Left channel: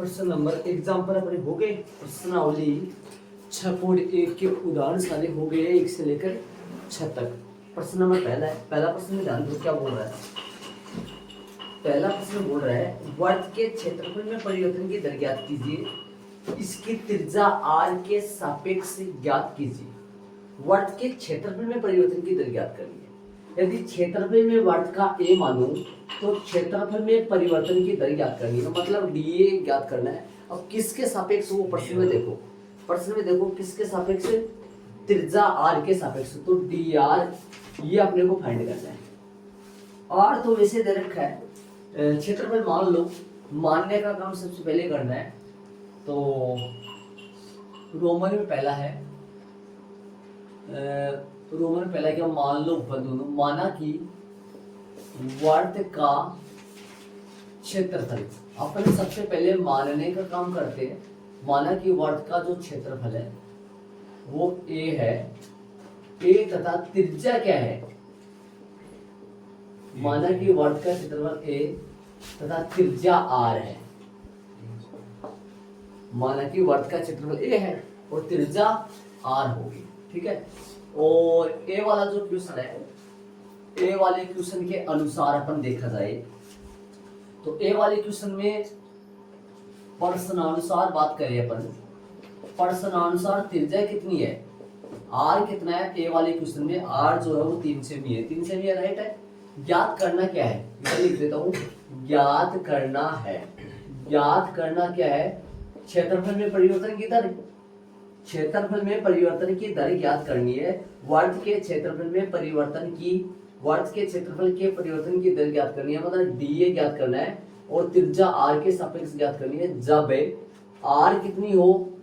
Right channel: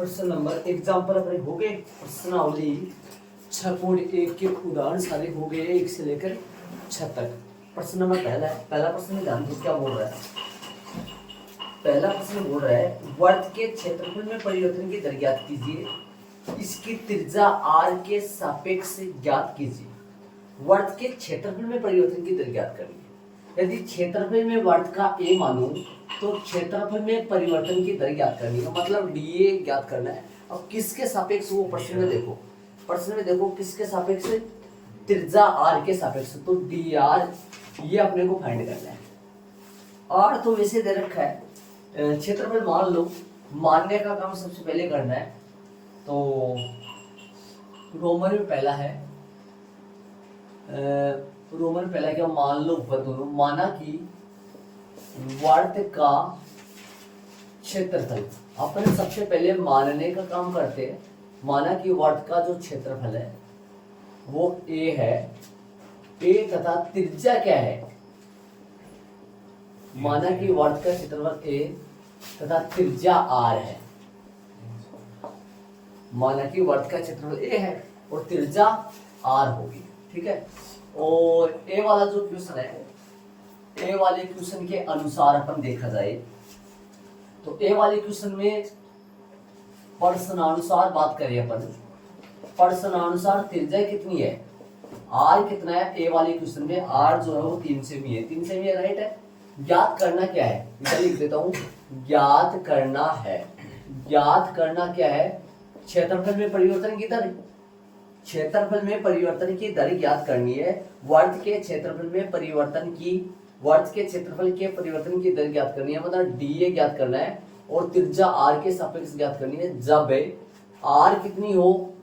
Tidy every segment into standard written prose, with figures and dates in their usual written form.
प्रश्न number example अपने हो गए। प्रश्नावली 6.1 के उदाहरण सारे हो गए 1 से लेकर 6 तक। प्रश्न नंबर पहला प्रश्न में ध्यान दो क्या बोल रहा है। पहला प्रश्न बोल रहा है वर्त के क्षेत्रफल में परिवर्तन की दर ज्ञात कीजिए, इसकी त्रिज्या r के सापेक्ष ज्ञात कीजिए। वर्त के क्षेत्रफल में परिवर्तन की दर ज्ञात करनी है। यदि क्षेत्रफल में वर्त का a मानो तो क्षेत्रफल में परिवर्तन की दर ज्ञात करनी है, मतलब dA ज्ञात करना है। अब किसके सापेक्ष वो प्रश्न में देखो किसके सापेक्ष, त्रिज्या r के सापेक्ष, तो dr ये अपने को फाइंड करना है। r तो वैसे दे रखा है, क्षेत्रफल मान लो, मानने का काम सबसे पहले करना है। तो रोमन में पहला है, रोमन में पहला क्या, मान लो ऊपर दोनों, माना कि वर्त का क्षेत्रफल, अपने सबसे पहले मानने का काम करते हैं। माना कि वर्त का जो क्षेत्रफल है वो a है, a तथा त्रिज्या क्या है, माना कि वर्त का क्षेत्रफल a तथा त्रिज्या r है। माना कि वर्त का क्षेत्रफल a है और त्रिज्या r होगी, ठीक है। और a वाला जो क्वेश्चन है, a वाले क्वेश्चन के अनुसार अपन देखा जाए तो a वाले क्वेश्चन में प्रश्नानुसार बात करें अपन, प्रश्नानुसार त्रिज्या कितनी है, r कितना है। a वाले क्वेश्चन में r जो है वो 3 सेमी है, 3 सेमी है, राइट है। ज्ञात करना क्या है, मैं लिख देता हूं, ज्ञात करना क्या है, क्षेत्रफल में परिवर्तन की दर, क्षेत्रफल में परिवर्तन की दर ज्ञात करनी है। वर्त के क्षेत्रफल में परिवर्तन की, वर्त के क्षेत्रफल के परिवर्तन की दर ज्ञात करनी है, मतलब dA ज्ञात करना है और त्रिज्या r के सापेक्ष ज्ञात करनी है। जब r कितनी हो,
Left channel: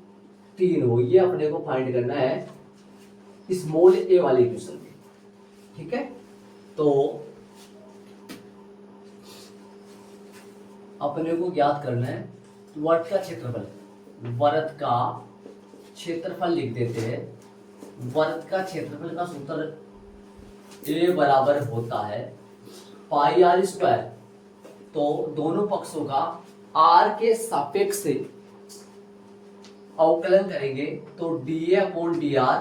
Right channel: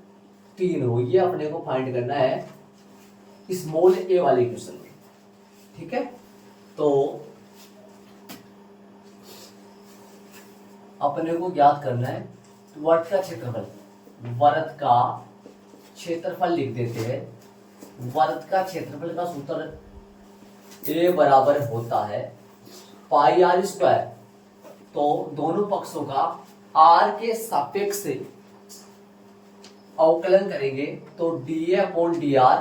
3 हो, ये अपने को फाइंड करना है स्मॉल a वाले क्वेश्चन में, ठीक है। तो अपने को ज्ञात करना है वर्त का क्षेत्रफल, वर्त का क्षेत्रफल लिख देते हैं। वर्त का क्षेत्रफल का सूत्र a बराबर होता है पाई r स्क्वायर, तो दोनों पक्षों का r के सापेक्ष से अवकलन करेंगे तो dA अपॉन dr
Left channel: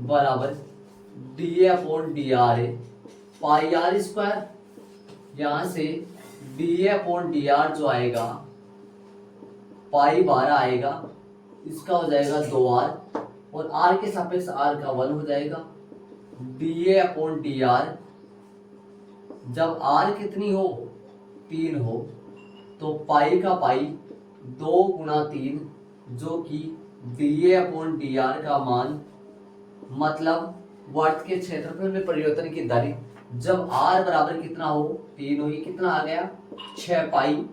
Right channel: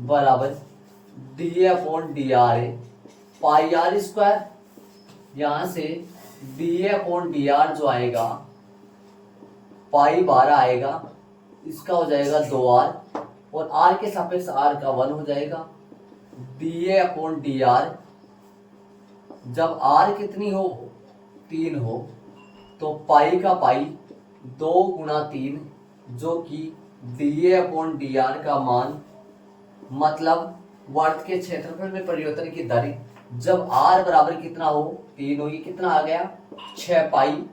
बराबर dA अपॉन dr है, पाई r स्क्वायर, यहां से dA अपॉन dr जो आएगा पाई 12 आएगा, इसका हो जाएगा 2r और r के सापेक्ष r का 1 हो जाएगा। dA अपॉन dr, जब r कितनी हो, 3 हो, तो पाई का पाई 2 गुणा 3, जो कि dA अपॉन dr का मान, मतलब वर्त के क्षेत्रफल में परिवर्तन की दर जब r बराबर कितना हो, 3 हो, ये कितना आ गया, 6 पाई।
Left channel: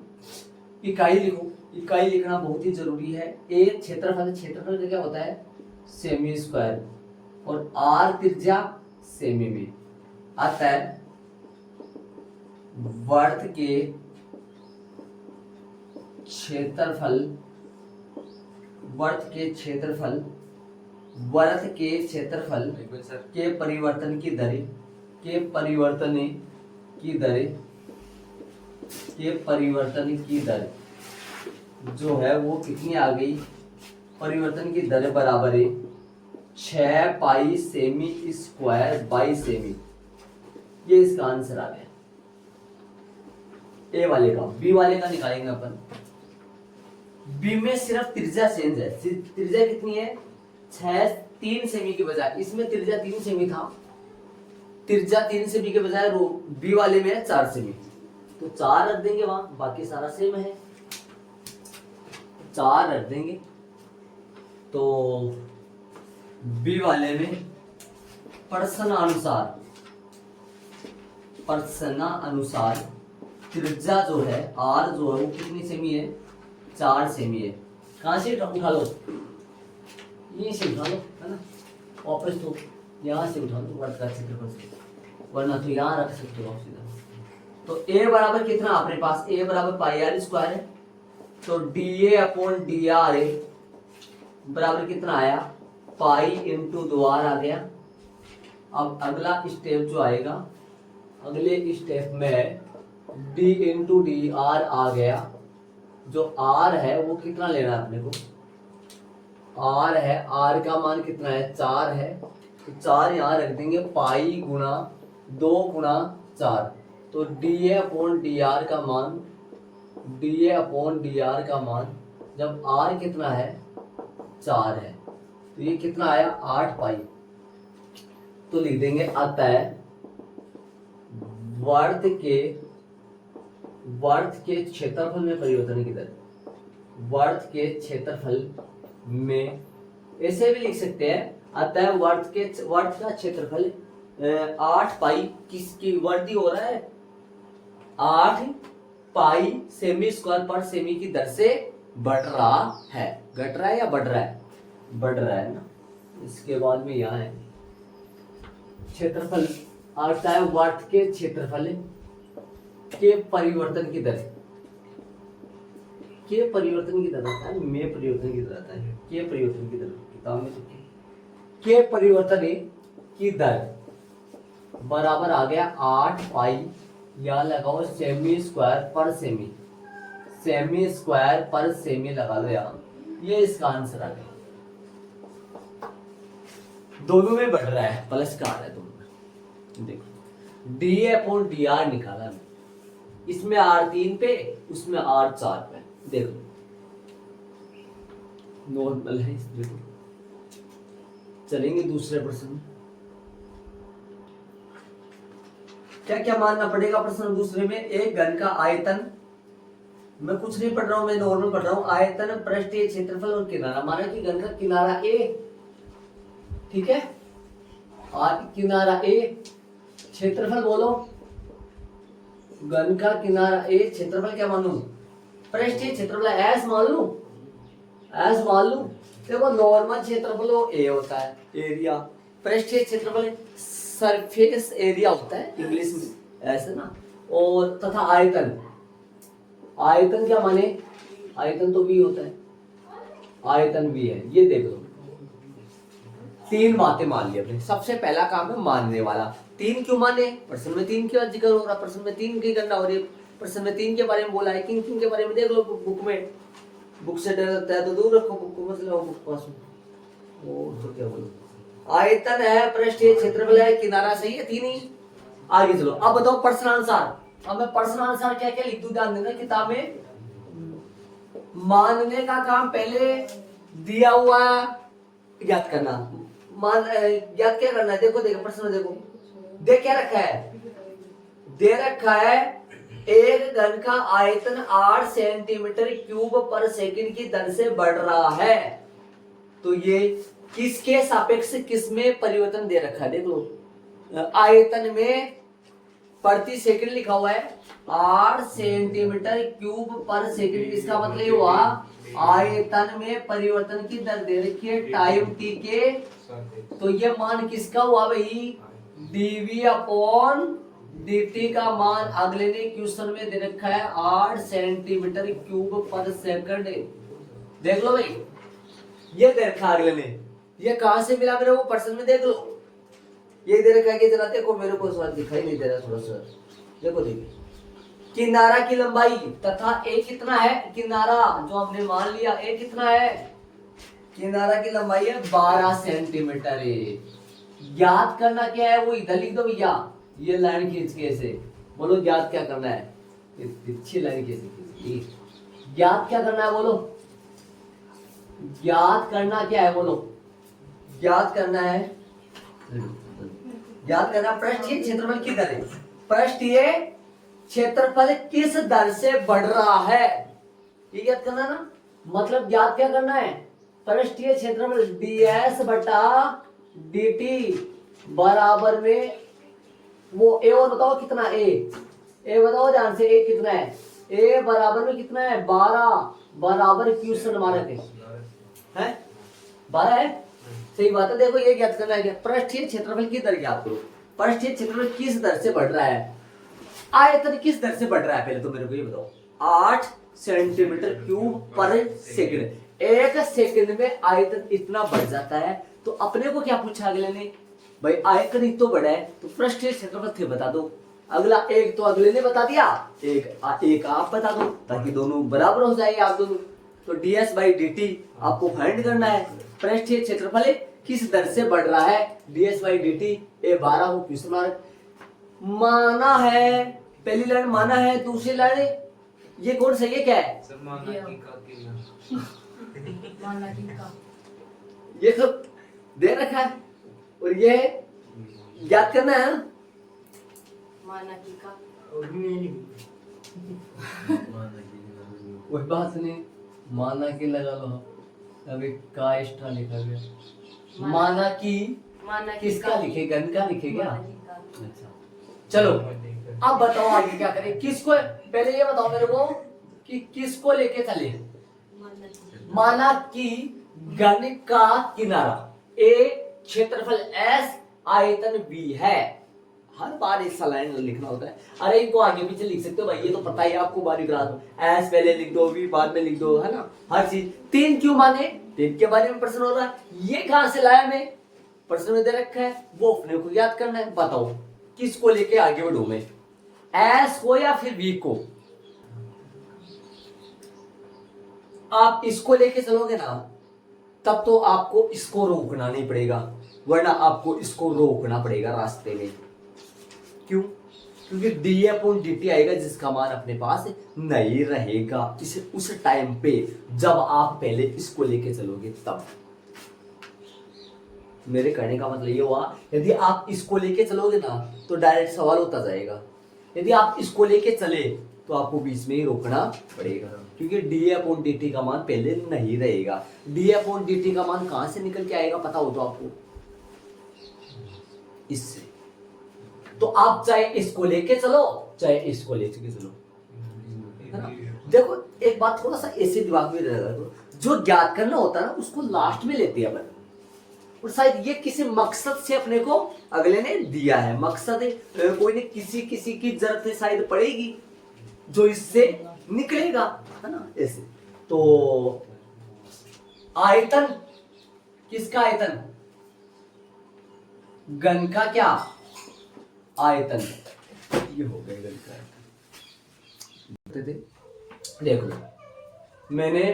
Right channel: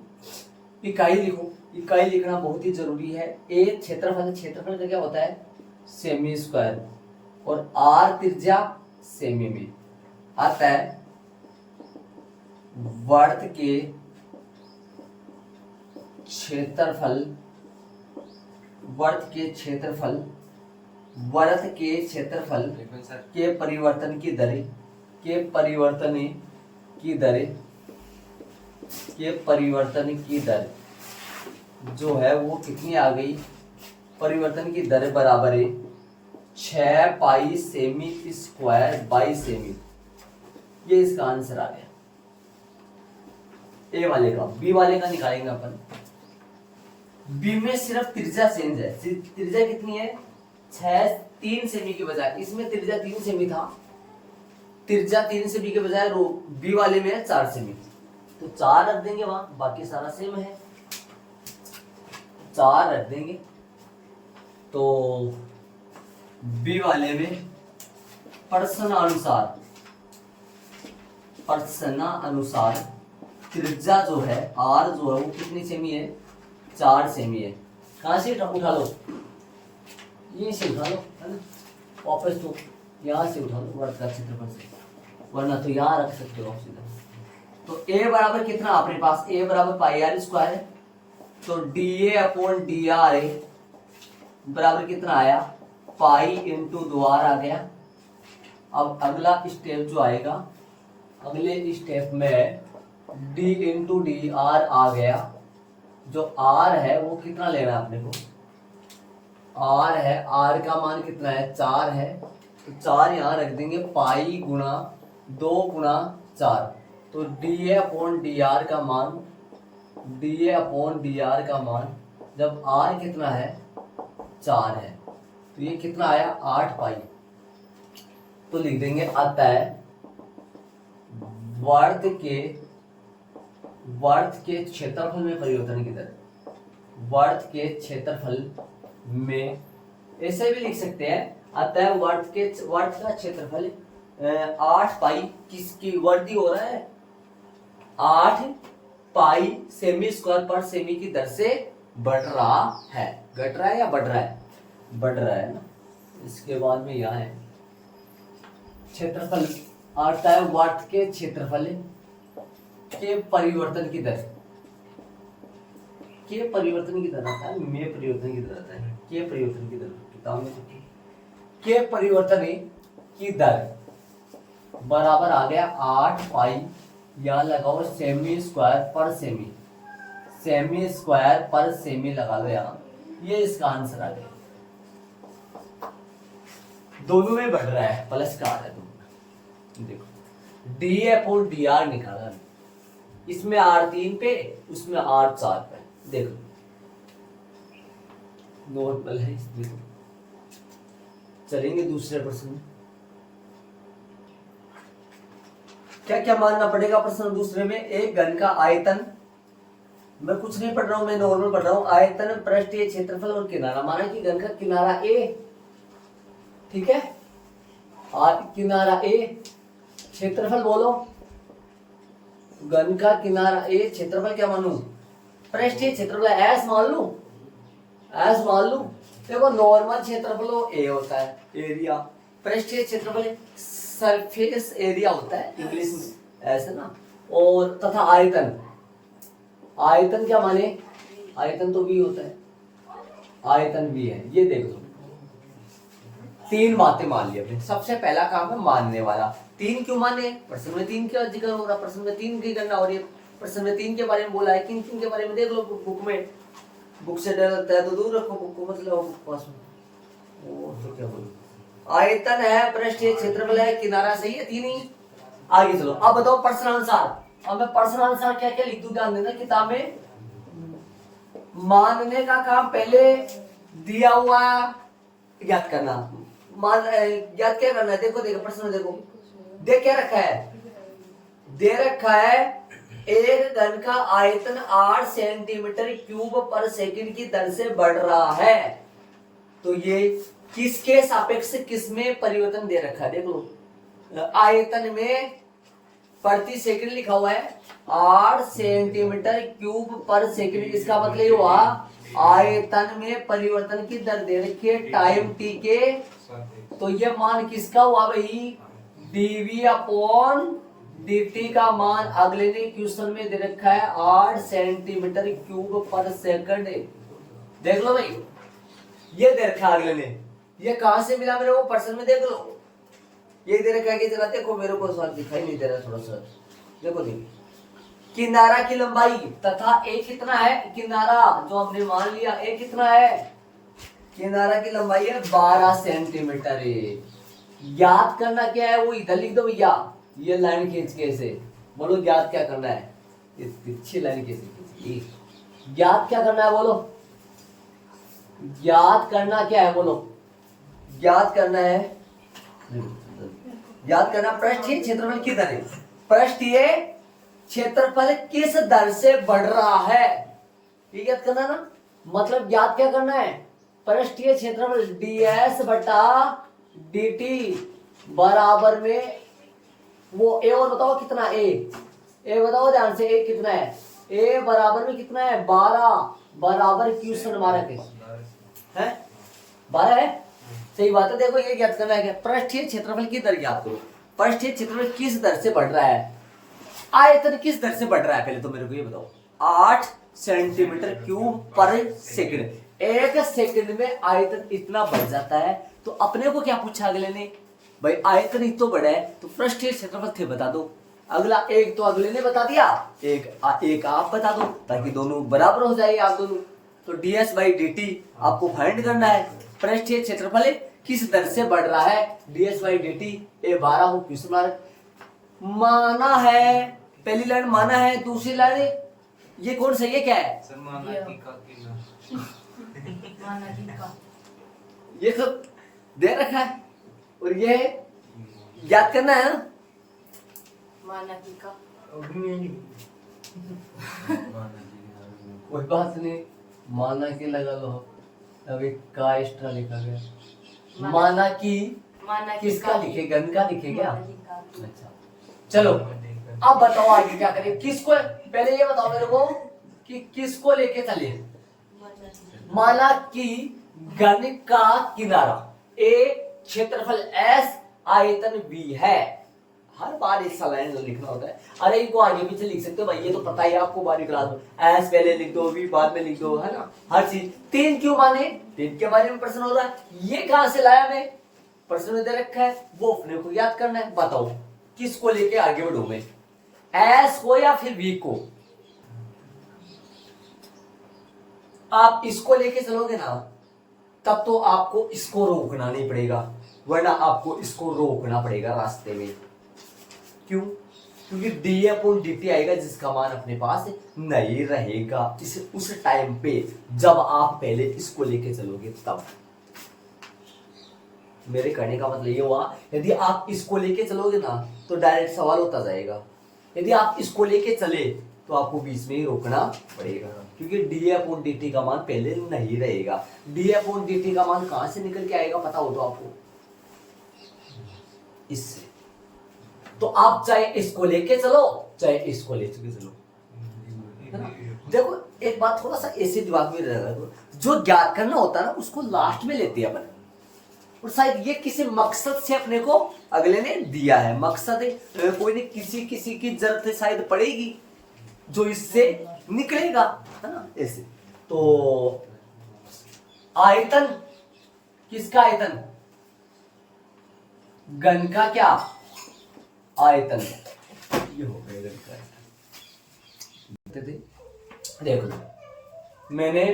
इकाई लिखो, इकाई लिखना बहुत ही जरूरी है। a क्षेत्रफल का क्या होता है, सेमी स्क्वायर, और r त्रिज्या सेमी में आता है। वर्त के क्षेत्रफल, वर्त के क्षेत्रफल के परिवर्तन की दर, के परिवर्तन की दर जो है वो कितनी आ गई, परिवर्तन की दर बराबर है 6 पाई सेमी स्क्वायर बाई सेमी। ये इसका आंसर आ गया ए वाले का। बी वाले का निकालेंगे अपन। बी में सिर्फ त्रिज्या चेंज है, त्रिज्या कितनी है, 3 सेमी के बजाय, इसमें त्रिज्या 3 सेमी था, त्रिज्या 3 सेमी के बजाय बी वाले में है 4 सेमी, तो 4 रख देंगे वहां, बाकी सारा सेम है, 4 रख देंगे। तो बी वाले में प्रश्नानुसार त्रिज्या जो है r जो है वो कितनी सेमी है, 4 सेमी है। कहां से उठा लो, यहीं से उठा लो, है ना, वापस तो यहाँ से उठा लो वर्त का क्षेत्रफल से, वरना तो यहाँ रख सकते हो सीधा। तो a बराबर कितना अपने पास, a बराबर पाई r स्क्वायर है, तो dA अपॉन dr बराबर कितना आया, पाई इंटू 2r आ गया। अब अगला स्टेप जो आएगा, अगले स्टेप में d इंटू डी आर आ गया, जो आर है वो कितना लेना है अपने को, आर है, आर का मान कितना है 4 है, तो 4 यहाँ रख देंगे, पाई गुना 2 गुना 4, तो डी अपॉन डी आर का मान, डी अपॉन डी आर का मान जब आर कितना है 4 है तो ये कितना आया 8 पाई, तो लिख देंगे अतः वर्त के क्षेत्रफल में परिवर्तन की दर, वर्त के क्षेत्रफल में, ऐसे भी लिख सकते हैं अतः वर्त का क्षेत्रफल 8 पाई किसकी वर्दी हो रहा है 8 पाई सेमी स्क्वायर पर सेमी की दर से बढ़ रहा है, घट रहा है या बढ़ रहा है, बढ़ रहा है ना। इसके बाद में यहाँ है क्षेत्रफल आता है वर्त के क्षेत्रफल के परिवर्तन की दर, के परिवर्तन की दर आता है, में परिवर्तन की दर आता है, के परिवर्तन की दर किताब में के परिवर्तन की दर बराबर आ गया 8 पाई, या लगाओ सेमी स्क्वायर पर सेमी, सेमी स्क्वायर पर सेमी लगा लो यहाँ, ये इसका आंसर आ गया। दोनों में बढ़ रहा है, प्लस का आ रहा है दोनों। देखो डी अपॉन डी आर निकाला, इसमें आर 3 पे, उसमें आर 4 पे, देखो नॉर्मल है। देखो चलेंगे दूसरे प्रश्न में, क्या क्या मानना पड़ेगा प्रश्न दूसरे में। एक घन का आयतन, मैं कुछ नहीं पढ़ रहा हूं, मैं नॉर्मल पढ़ रहा हूं, आयतन पृष्ठीय क्षेत्रफल और किनारा, माना कि घन का किनारा ए, ठीक है, और किनारा ए, क्षेत्रफल बोलो, घन का किनारा ए, क्षेत्रफल क्या मानू, पृष्ठीय क्षेत्रफल एस मान लू, एस मान लू। देखो नॉर्मल क्षेत्रफल वो ए होता है, एरिया, पृष्ठीय क्षेत्रफल सरफेस एरिया होता है इंग्लिश में ऐसे ना, और तथा आयतन, आयतन क्या माने, आयतन तो भी होता है, आयतन भी है। ये देख लो 3 बातें मान ली अपने। सबसे पहला काम है मानने वाला, 3 क्यों माने, प्रश्न में 3 का जिक्र हो रहा, प्रश्न में 3 की गणना हो रही है, प्रश्न में 3 के बारे में बोला है, किन किन के बारे में देख लो बुक में, बुक से डर लगता है तो दूर रखो बुक को, मतलब बुक पास में। ओ तो क्या बोलूं, आयतन है, पृष्ठीय क्षेत्रफल है, किनारा, सही है 3 ही। आगे चलो, अब बताओ प्रश्नानुसार, अब मैं प्रश्नानुसार क्या क्या लिख दूं, ध्यान देना किताब में। मानने का काम पहले दिया हुआ याद करना, मान याद क्या करना है, देखो देखो प्रश्न देखो, दे क्या रखा है, दे रखा है एक घन का आयतन 8 सेंटीमीटर क्यूब पर सेकंड की दर से बढ़ रहा है, तो ये किसके सापेक्ष किसमें परिवर्तन दे रखा है, देखो आयतन में प्रति सेकंड लिखा हुआ है 8 सेंटीमीटर क्यूब पर सेकंड, इसका मतलब ये हुआ आयतन में परिवर्तन की दर दे रखी है टाइम टी के, तो ये मान किसका हुआ भाई, dv अपॉन dt का मान अगले ने क्वेश्चन में दे रखा है 8 सेंटीमीटर क्यूब पर सेकंड। देख लो भाई ये दे रखा है अगले ने, ये कहां से मिला मेरे को, प्रश्न में देख लो, ये दे रखा है कि जरा देखो, मेरे को सवाल दिखाई नहीं दे रहा थोड़ा सा, देखो देखो किनारा की लंबाई तथा ए कितना है, किनारा जो हमने मान लिया ए कितना है, किनारा की लंबाई है 12 सेंटीमीटर है। ज्ञात करना क्या है, वो इधर लिख दो भैया, ये लाइन खींच के ऐसे बोलो, ज्ञात क्या करना है, ये तिरछी लाइन कैसे खींची, ज्ञात क्या करना है बोलो, ज्ञात करना क्या है बोलो, ज्ञात करना है, याद करना पृष्ठीय क्षेत्रफल की दर, पृष्ठीय क्षेत्रफल किस दर से बढ़ रहा है, ये याद करना ना, मतलब याद क्या करना है, पृष्ठीय क्षेत्रफल ds बटा dt बराबर में वो ए, और बताओ कितना ए बताओ ध्यान से, ए कितना है, ए बराबर में कितना है 12, बराबर क्वेश्चन मार्क है 12 है, सही बात है। देखो ये याद करना है, पृष्ठीय क्षेत्रफल की दर ज्ञात करो, पृष्ठीय क्षेत्रफल किस दर से बढ़ रहा है, आयतन किस दर से बढ़ रहा है, पहले तो मेरे को ये बताओ, 8 सेंटीमीटर क्यूब पर सेकंड, एक सेकंड में आयतन इतना बढ़ जाता है, तो अपने को क्या पूछा अगले ने, भाई आयतन इतना बढ़ा है तो पृष्ठीय क्षेत्रफल थे बता दो, अगला एक तो अगले ने बता दिया, एक आप बता दो, ताकि दोनों बराबर हो जाएंगे आप दोनों। तो ds बाई dt आपको फाइंड करना है। पृष्ठीय क्षेत्रफल किस दर से बढ़ रहा है, ds बाई dt। ए 12 हो क्वेश्चन मार्क। माना है, पहली लाइन माना है, दूसरी लाइन ये कौन सा, ये क्या है, ये सब दे रखा है और ये याद करना है ना। कोई बात नहीं, माना की लगा लो। अभी का एक्स्ट्रा लिखा गया, माना की किसका लिखे, गण का लिखे क्या। अच्छा चलो अब बताओ आगे क्या करें, किसको, पहले ये बताओ मेरे को कि किसको लेके चले। माना कि गण का किनारा A, क्षेत्रफल S, आयतन V है। हर बार इस लाइन लिखना होता है। अरे इनको आगे पीछे लिख सकते हो भाई, ये तो पता है आपको, बारी करा दो। S पहले लिख दो, V बाद में लिख दो, है ना। हर चीज 3 क्यों माने, 3 के बारे में प्रश्न हो रहा है। ये कहां से लाया मैं, प्रश्न में दे रखा है, वो अपने को याद करना है। बताओ किसको लेके आगे बढ़ू मैं, S को या फिर V को। आप इसको लेके चलोगे ना, तब तो आपको इसको रोकना नहीं पड़ेगा, वरना आपको इसको रोकना पड़ेगा रास्ते में। क्यों, क्योंकि d/dt आएगा जिसका मान अपने पास नहीं रहेगा इसे उस टाइम पे जब आप पहले इसको लेके चलोगे तब। मेरे कहने का मतलब ये हुआ, यदि आप इसको लेके चलोगे ना तो डायरेक्ट सवाल होता जाएगा। यदि आप इसको लेके चले तो आपको बीच में ही रोकना पड़ेगा, क्योंकि d/dt का मान पहले नहीं रहेगा। d/dt का मान कहां से निकल के आएगा पता हो तो आपको, इससे। तो आप चाहे इसको लेके चलो चाहे इसको लेके चलो, है ना। देखो एक बात थोड़ा सा ऐसे दिमाग में रहेगा, जो ज्ञात करना होता है ना उसको लास्ट में लेते हैं अपन, और शायद ये किसी मकसद से अपने को अगले ने दिया है। मकसद है कोई ने किसी की जरूरत शायद पड़ेगी जो इससे निकलेगा, है ना, ऐसे। तो आयतन, किसका आयतन, गण का क्या आयतन, ये हो गया गण का आयतन। देखो मैंने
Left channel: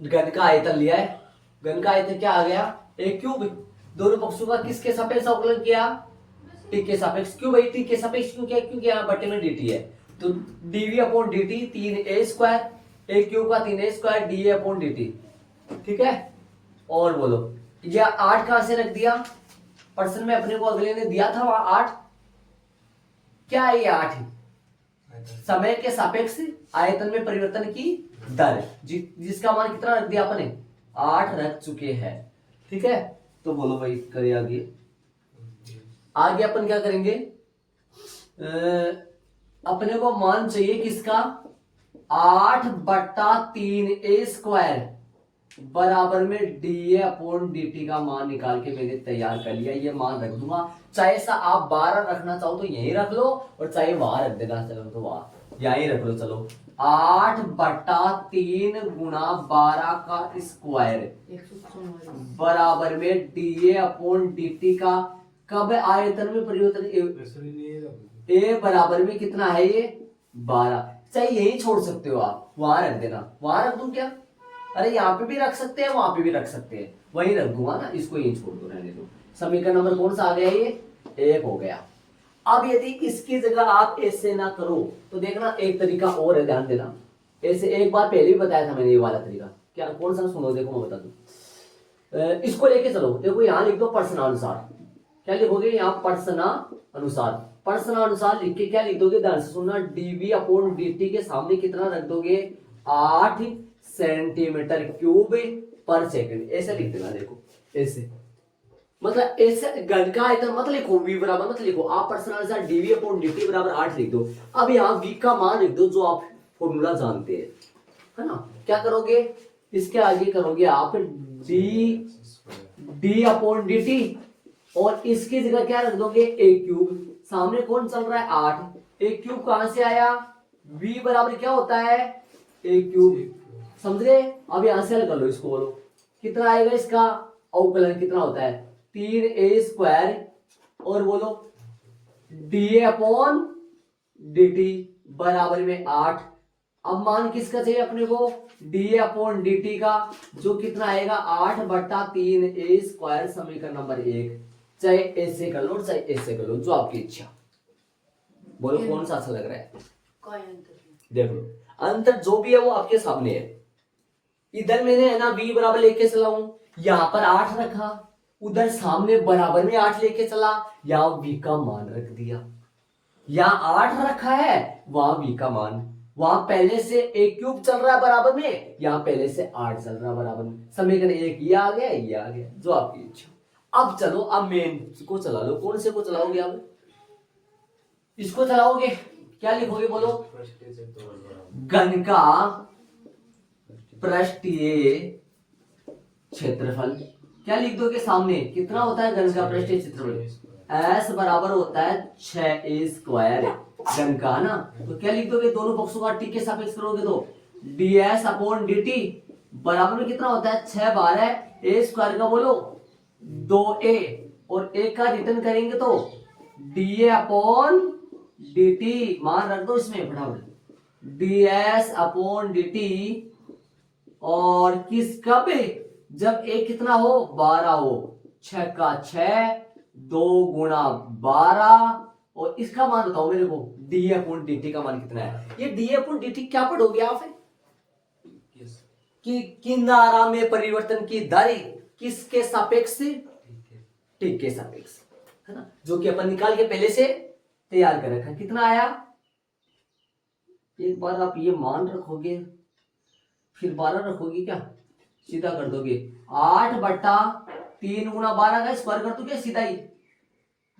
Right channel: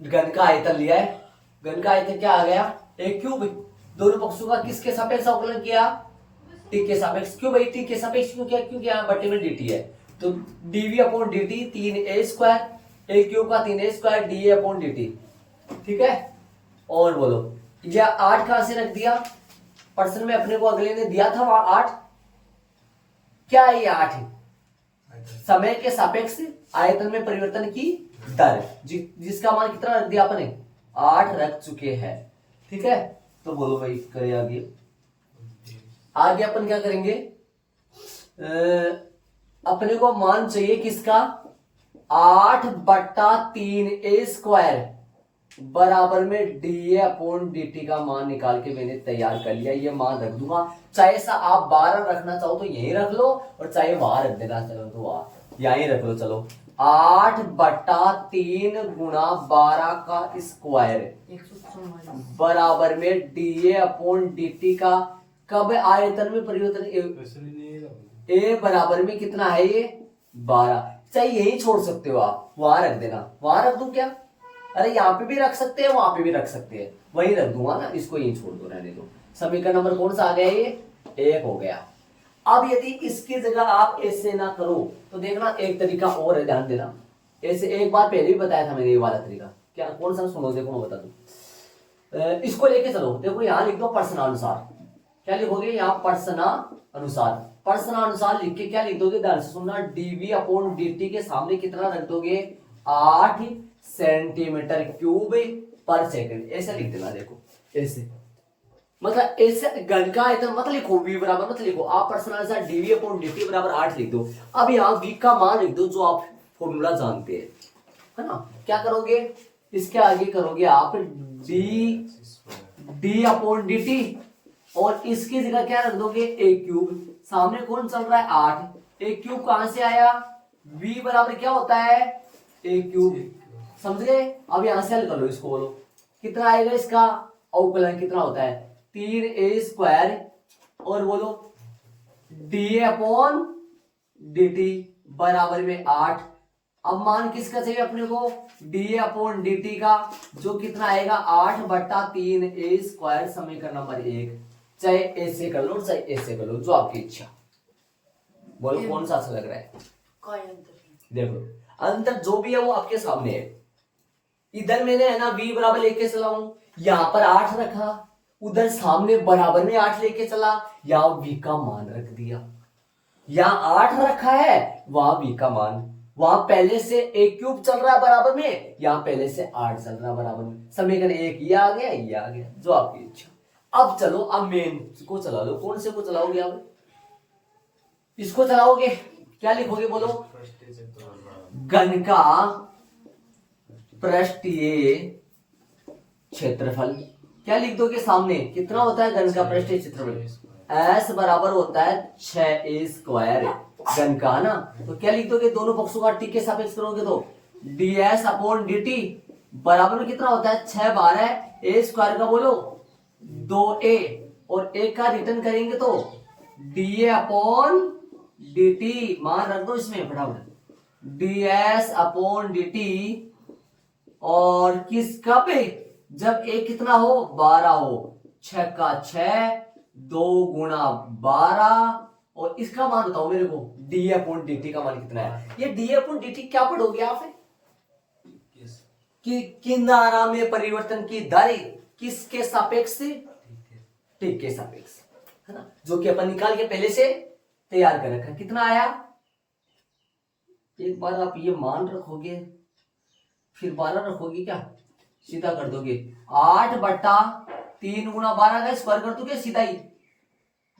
गण का आयतन लिया है, गण का आयतन क्या आ गया, एक क्यूब। दोनों पक्षों का किसके सापेक्ष अवकलन किया, टी के सापेक्ष। क्यों भाई टी के सापेक्ष क्यों किया, क्योंकि यहाँ बटे में dt है, तो dv/dt 3a², a क्यूब का 3a² dA/dt, ठीक है। और बोलो ये 8 कहां से रख दिया, प्रश्न में अपने को अगले ने दिया था वहां 8, क्या है ये 8, समय के सापेक्ष आयतन में परिवर्तन की दर, जिसका मान कितना रख दिया अपने, 8 रख चुके हैं, ठीक है। तो बोलो भाई करें आगे, आगे अपन क्या करेंगे, अपने को मान चाहिए किसका, 8/3a² बराबर में dA/dt का मान निकाल के मैंने तैयार कर लिया। ये मान रख दूंगा, चाहे सा आप 12 रखना चाहो तो यहीं रख लो, और चाहे वहां रख देना चलो तो वहां यहीं रख लो। चलो 8/3 गुणा 12 का स्क्वायर बराबर में dA/dt का कब आयतन में परिवर्तन, ए बराबर में कितना है ये 12, चाहे यही छोड़ सकते हो आप, वहां रख देना, वहां रख दूं क्या, अरे यहाँ पे भी रख सकते हैं वहां पे भी रख सकते हैं, वही रख दूंगा ना, इसको यही छोड़ दो, रहने दो। समीकरण नंबर कौन सा आ गया, ये 1 हो गया। अब यदि इसकी जगह आप ऐसे ना करो तो देखना एक तरीका और है, ध्यान देना। ऐसे एक बार पहले भी बताया था मैंने ये वाला तरीका, क्या कौन सा, सुनो देखो मैं बता दूं। इसको लेके चलो, देखो यहाँ लिख दो प्रश्नानुसार, क्या लिखोगे यहाँ प्रश्नानुसार, प्रश्नानुसार लिख के क्या लिख दोगे, ध्यान से सुनना, dv/dt के सामने कितना रख दोगे, 8 सेंटीमीटर क्यूब पर सेकंड, ऐसे लिख देना। देखो ऐसे, मतलब ऐसे गण का आयतन मत लिखो, v बराबर मत लिखो, आप प्रश्नानुसार dv/dt बराबर 8 लिख दो। अब यहाँ v का मान लिख दो जो आप फॉर्मूला जानते हैं, है ना। क्या करोगे, इसके आगे करोगे आप d/dt, और इसकी जगह क्या रख दोगे, a क्यूब, सामने कौन चल रहा है 8, a क्यूब कहां से आया, v बराबर क्या होता है a क्यूब, समझ गए। अब यहां से हल कर लो इसको, बोलो कितना आएगा, इसका अवकलन कितना होता है 3a², और बोलो dA/dt dt बराबर में 8। अब मान किसका चाहिए अपने को, da अपॉन dt का, जो कितना आएगा 8/3 a स्क्वायर समीकरण नंबर 1। चाहे ऐसे कर लो चाहे ऐसे कर लो, जो आपकी इच्छा। बोलो कौन सा अच्छा लग रहा है। कोई अंतर नहीं। देख लो अंतर जो भी है वो आपके सामने है। इधर मैंने है ना v बराबर लेके चला हूं, यहां पर 8 रखा, उधर सामने बराबर में 8 लेके चला, यहां v का मान रख दिया। यहां 8 रखा है, वहां v का मान, वहां पहले से a क्यूब चल रहा है बराबर में, यहां पहले से 8 चल रहा है बराबर में। समीकरण 1 ये आ गया, ये आ गया, जो आपकी इच्छा। अब चलो अब मेन को चला लो। कौन से को चलाओगे आप, इसको चलाओगे। क्या लिखोगे बोलो, घन का पृष्ठीय क्षेत्रफल। क्या लिख दोगे सामने, कितना होता है घन का पृष्ठीय क्षेत्रफल, s बराबर होता है 6a स्क्वायर घन का ना। तो क्या लिख दोगे, दोनों पक्षों का t के सापेक्ष करोगे तो ds अपॉन dt बराबर में कितना होता है 6 12 a स्क्वायर का बोलो 2a, और a का रिटर्न करेंगे तो da अपॉन dt, मान रख दो इसमें फटाफट, ds अपॉन dt, और किस कब जब a कितना हो 12 हो, 6 का 6 2 गुणा 12, और इसका मान बताओ मेरे को d अपॉन dt का मान कितना है। ये d अपॉन dt क्या पढ़ोगे आप, कि किनारा में परिवर्तन की दर किसके सापेक्ष, t के सापेक्ष, है ना, जो कि अपन निकाल के पहले से तैयार कर रखा। कितना आया, एक बार आप ये मान रखोगे फिर 12 रखोगे, क्या सीधा कर दोगे 8/3 गुणा 12 का स्क्वायर कर दोगे, सीधा ही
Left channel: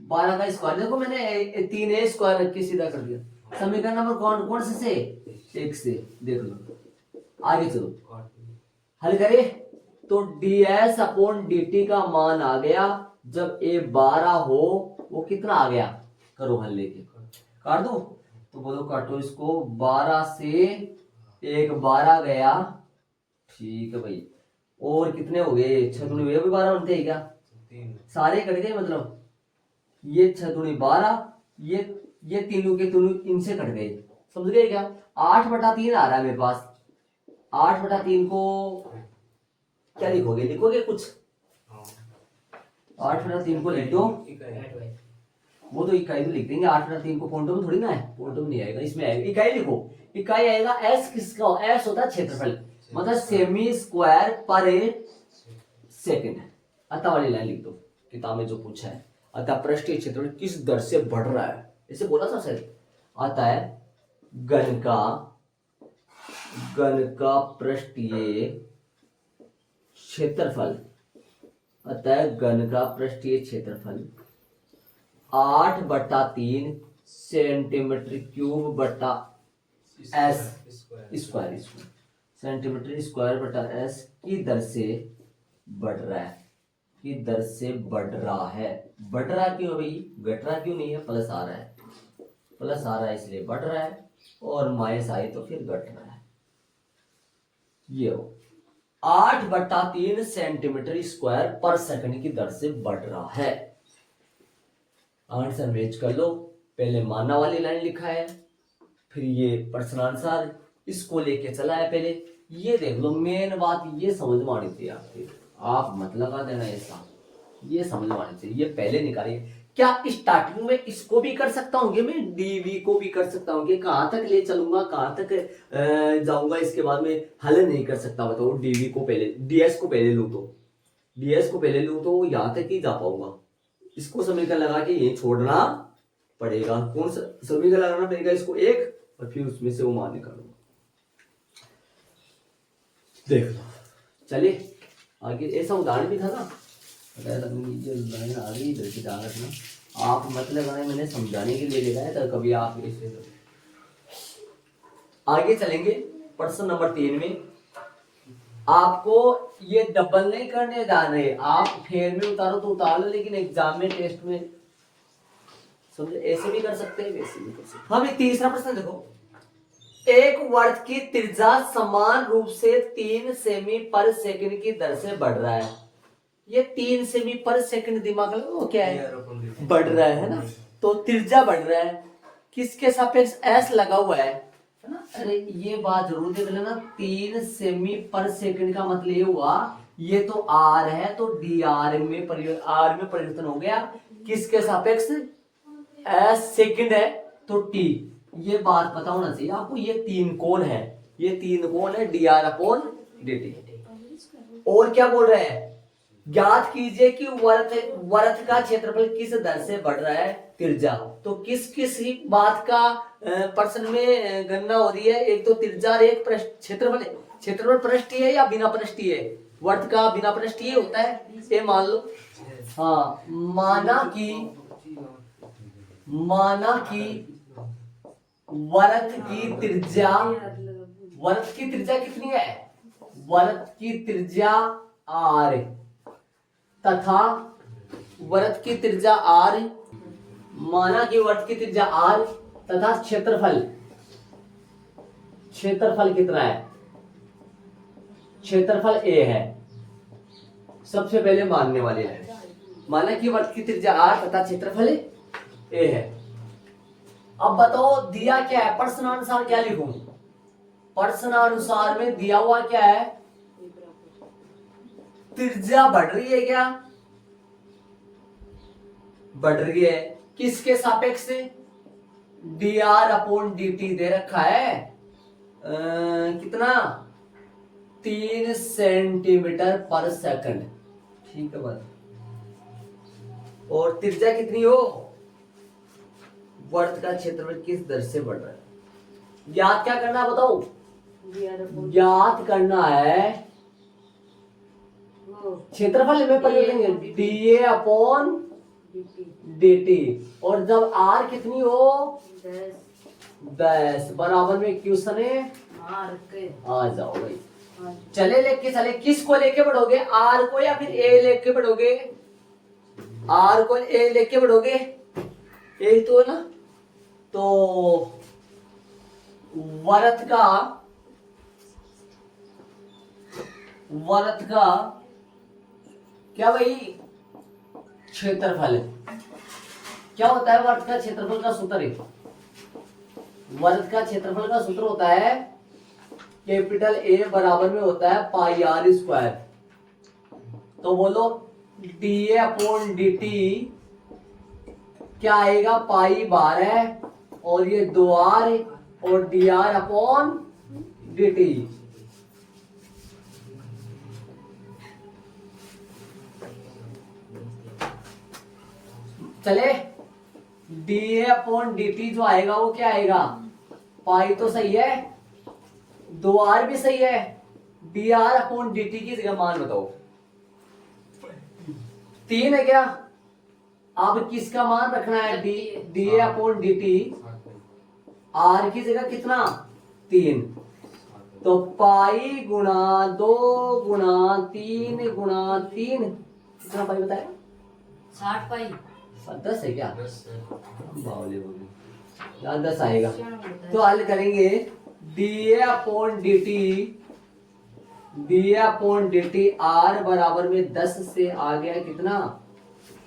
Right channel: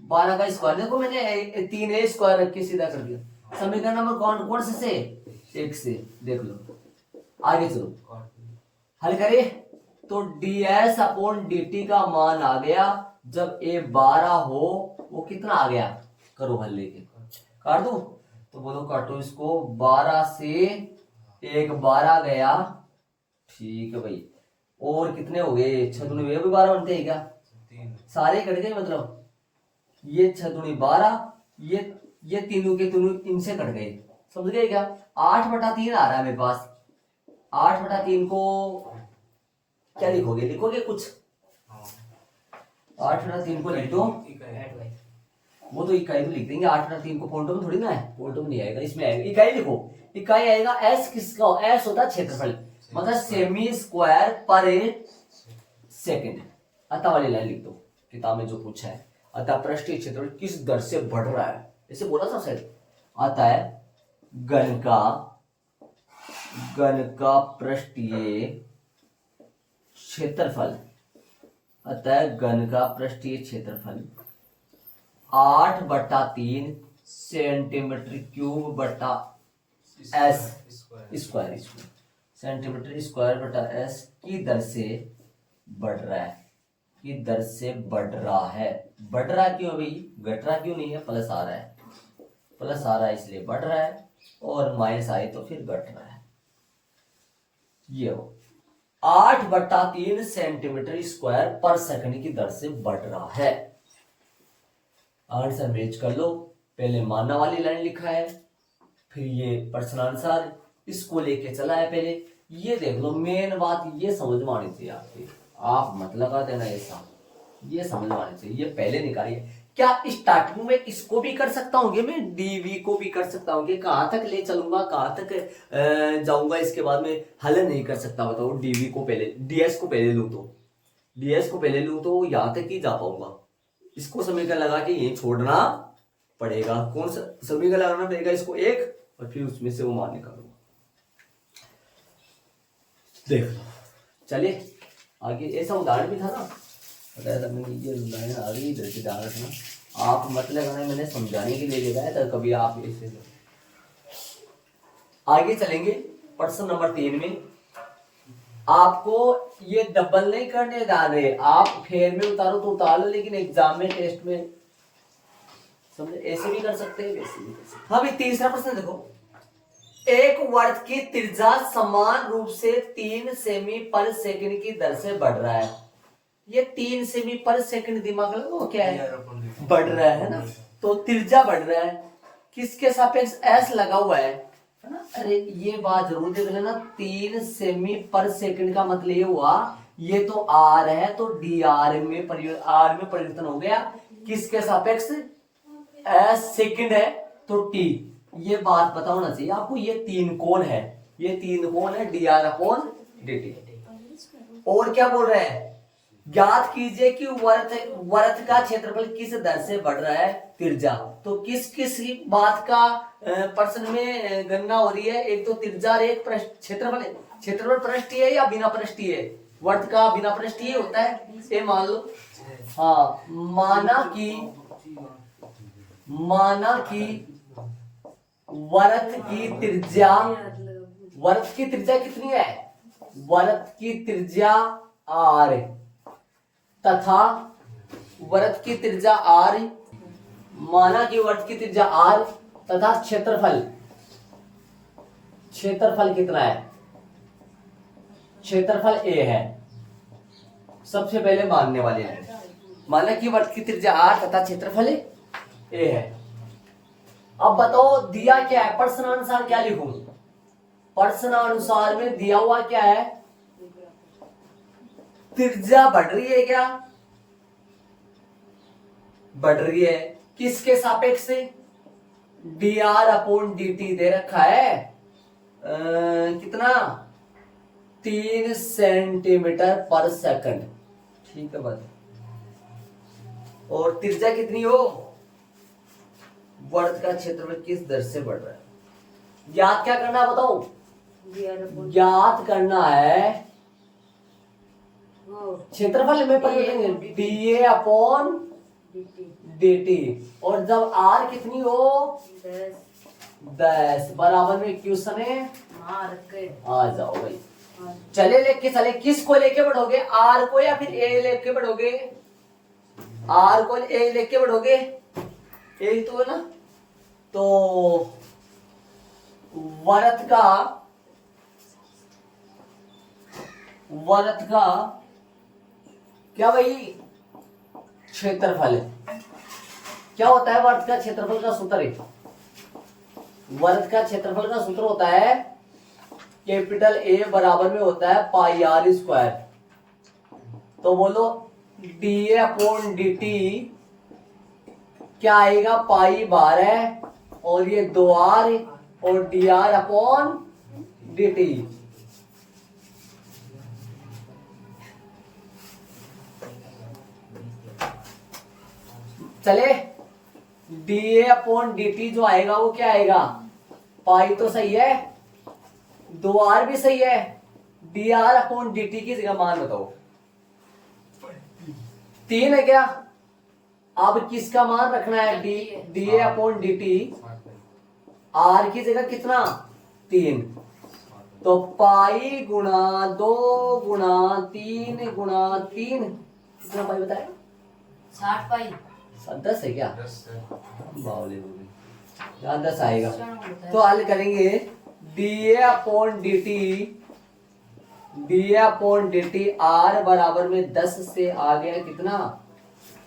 12 का स्क्वायर। देखो मैंने 3a स्क्वायर रख के सीधा कर दिया। समीकरण नंबर कौन कौन से 1 से, देख लो। आगे चलो हल करें तो ds अपॉन dt का मान आ गया, जब a 12 हो वो कितना आ गया, करो हल लेके, काट दो तो बोलो काटो इसको, 12 से 1 12 गया, ठीक है भाई। और कितने हो गए 6 दूनी 12 बनते हैं क्या, सारे कट गए, मतलब ये 6 दूनी 12, ये तीनों के तीनों इनसे कट गए, समझ गए क्या। 8/3 आ रहा है मेरे पास, 8/3 को क्या लिखोगे, लिखोगे कुछ 8/3 को लिख दो, वो तो इकाई तो लिख देंगे, 8/3 को पॉइंटों में थोड़ी ना है, पॉइंटों में नहीं आएगा, इसमें आएगा इकाई। लिखो इकाई आएगा s, किसका s होता है क्षेत्रफल, मतलब सेमी स्क्वायर पर सेकंड। अतः वाली लाइन लिख दो, किताब में जो पूछा है, अतः पृष्ठीय क्षेत्रफल किस दर से बढ़ रहा है, इसे बोला था सर। अतः घन का पृष्ठीय क्षेत्रफल, अतः घन का पृष्ठीय क्षेत्रफल 8/3 सेंटीमीटर क्यूब बटा s स्क्वायर, सेंटीमीटर स्क्वायर बटा s की दर से बढ़ रहा है, की दर से बढ़ रहा है। बढ़ रहा क्यों भाई, घट रहा क्यों नहीं है, प्लस आ रहा है, प्लस आ रहा है इसलिए बढ़ रहा है, और माइनस आए तो फिर घट रहा है। ये हो 8/3 सेंटीमीटर स्क्वायर पर सेकंड की दर से बढ़ रहा है। आंसर मैच कर लो, पहले मानना वाली लाइन लिखा है, फिर ये प्रश्नानुसार इसको लेके चला है पहले। ये देख लो मेन बात ये समझ में आनी चाहिए आपकी, आप मत लगा देना ऐसा, ये समझ में आनी चाहिए, ये पहले निकालिए। क्या स्टार्टिंग में इसको भी कर सकता हूँ कि मैं डीवी को भी कर सकता हूँ, कि कहाँ तक ले चलूंगा कहाँ तक जाऊंगा, इसके बाद में हल नहीं कर सकता, बताओ। डीवी को पहले डीएस को पहले लूँ तो यहाँ तक ही जा पाऊंगा, इसको समीकरण लगा के ये छोड़ना पड़ेगा। कौन सा समीकरण लगाना पड़ेगा, इसको एक, और फिर उसमें से वो मान निकालूंगा। देख लो चलिए आगे, ऐसा उदाहरण भी था ना, ये लाइन आ गई इधर से ध्यान रखना, आप मत लगाना, मैंने समझाने के लिए लगाया था, कभी आप ऐसे। आगे चलेंगे प्रश्न नंबर 3 में। आपको ये डबल नहीं करने जा रहे, आप फेयर में उतारो तो उतार लो, लेकिन एग्जाम में टेस्ट में समझे, ऐसे भी कर सकते हैं वैसे भी कर सकते हैं। हाँ भाई तीसरा प्रश्न देखो, एक वर्ग की त्रिज्या समान रूप से 3 सेमी पर सेकंड की दर से बढ़ रहा है। ये 3 सेमी पर सेकंड दिमाग लगाओ, क्या है, बढ़ रहा है ना, तो त्रिज्या बढ़ रहा है। किसके सापेक्ष एस लगा हुआ है ना। अरे ये बात जरूर देख लेना, 3 सेमी पर सेकंड का मतलब ये हुआ, ये तो आर है तो डी आर में परिवर्तन हो गया। किसके सापेक्ष, एस सेकंड है तो टी। ये बात पता होना चाहिए आपको। ये 3 कोण है, ये 3 कोण है, D R upon D T. और क्या बोल रहे हैं, ज्ञात कीजिए कि वर्त का क्षेत्रफल किस दर से बढ़ रहा है, त्रिज्या। तो किस किस बात का प्रश्न में गणना हो रही है, एक तो त्रिज्या और एक क्षेत्रफल। क्षेत्रफल पृष्ठीय है या बिना पृष्ठीय है, वर्त का बिना पृष्ठीय होता है, ये मान लो। हाँ, माना कि वर्त की त्रिज्या कितनी है, वर्त की त्रिज्या आर तथा वर्त की त्रिज्या आर, माना कि वर्त की त्रिज्या आर तथा क्षेत्रफल कितना है, क्षेत्रफल ए है। सबसे पहले मानने वाले हैं, माना कि वर्त की त्रिज्या आर तथा क्षेत्रफल ए है। अब बताओ दिया क्या है, प्रश्नानुसार क्या लिखूं, प्रश्नानुसार में दिया हुआ क्या है, त्रिज्या बढ़ रही है क्या, बढ़ रही है। किसके सापेक्ष से, D R upon D T दे रखा है, कितना 3 सेंटीमीटर पर सेकंड, ठीक है बस। और त्रिज्या कितनी हो, वर्त का क्षेत्रफल किस दर से बढ़ रहा है, ज्ञात क्या करना है बताओ, ज्ञात करना है क्षेत्रफल में परिवर्तन, D A upon D T. और जब आर कितनी हो 10 बराबर में क्वेश्चन है, आ जाओ भाई। चले किसको लेके बढ़ोगे, आर को या फिर ए लेके बढ़ोगे, आर को ए लेके बढ़ोगे, यही तो है ना। तो वर्त का क्या भाई, क्षेत्रफल क्या होता है, वर्त का क्षेत्रफल का सूत्र है, वर्त का क्षेत्रफल का सूत्र होता है कैपिटल ए बराबर में होता है पाई आर स्क्वायर। तो बोलो D A upon D T क्या आएगा, पाई 12 और ये 2r और D R upon D T. चले D A upon D T जो आएगा वो क्या आएगा, पाई तो सही है, 2r भी सही है, D R upon D T की जगह मान बताओ 3 है क्या। अब किसका मान रखना है, D A upon D T, R की जगह कितना 3, तो पाई गुणा 2 गुणा 3 गुणा 3 कितना पाई बताया, 60 पाई 10 है क्या, बावले होगी यहाँ 10 आएगा। तो हल करेंगे D A upon D T are बराबर में 10 से आ गया कितना,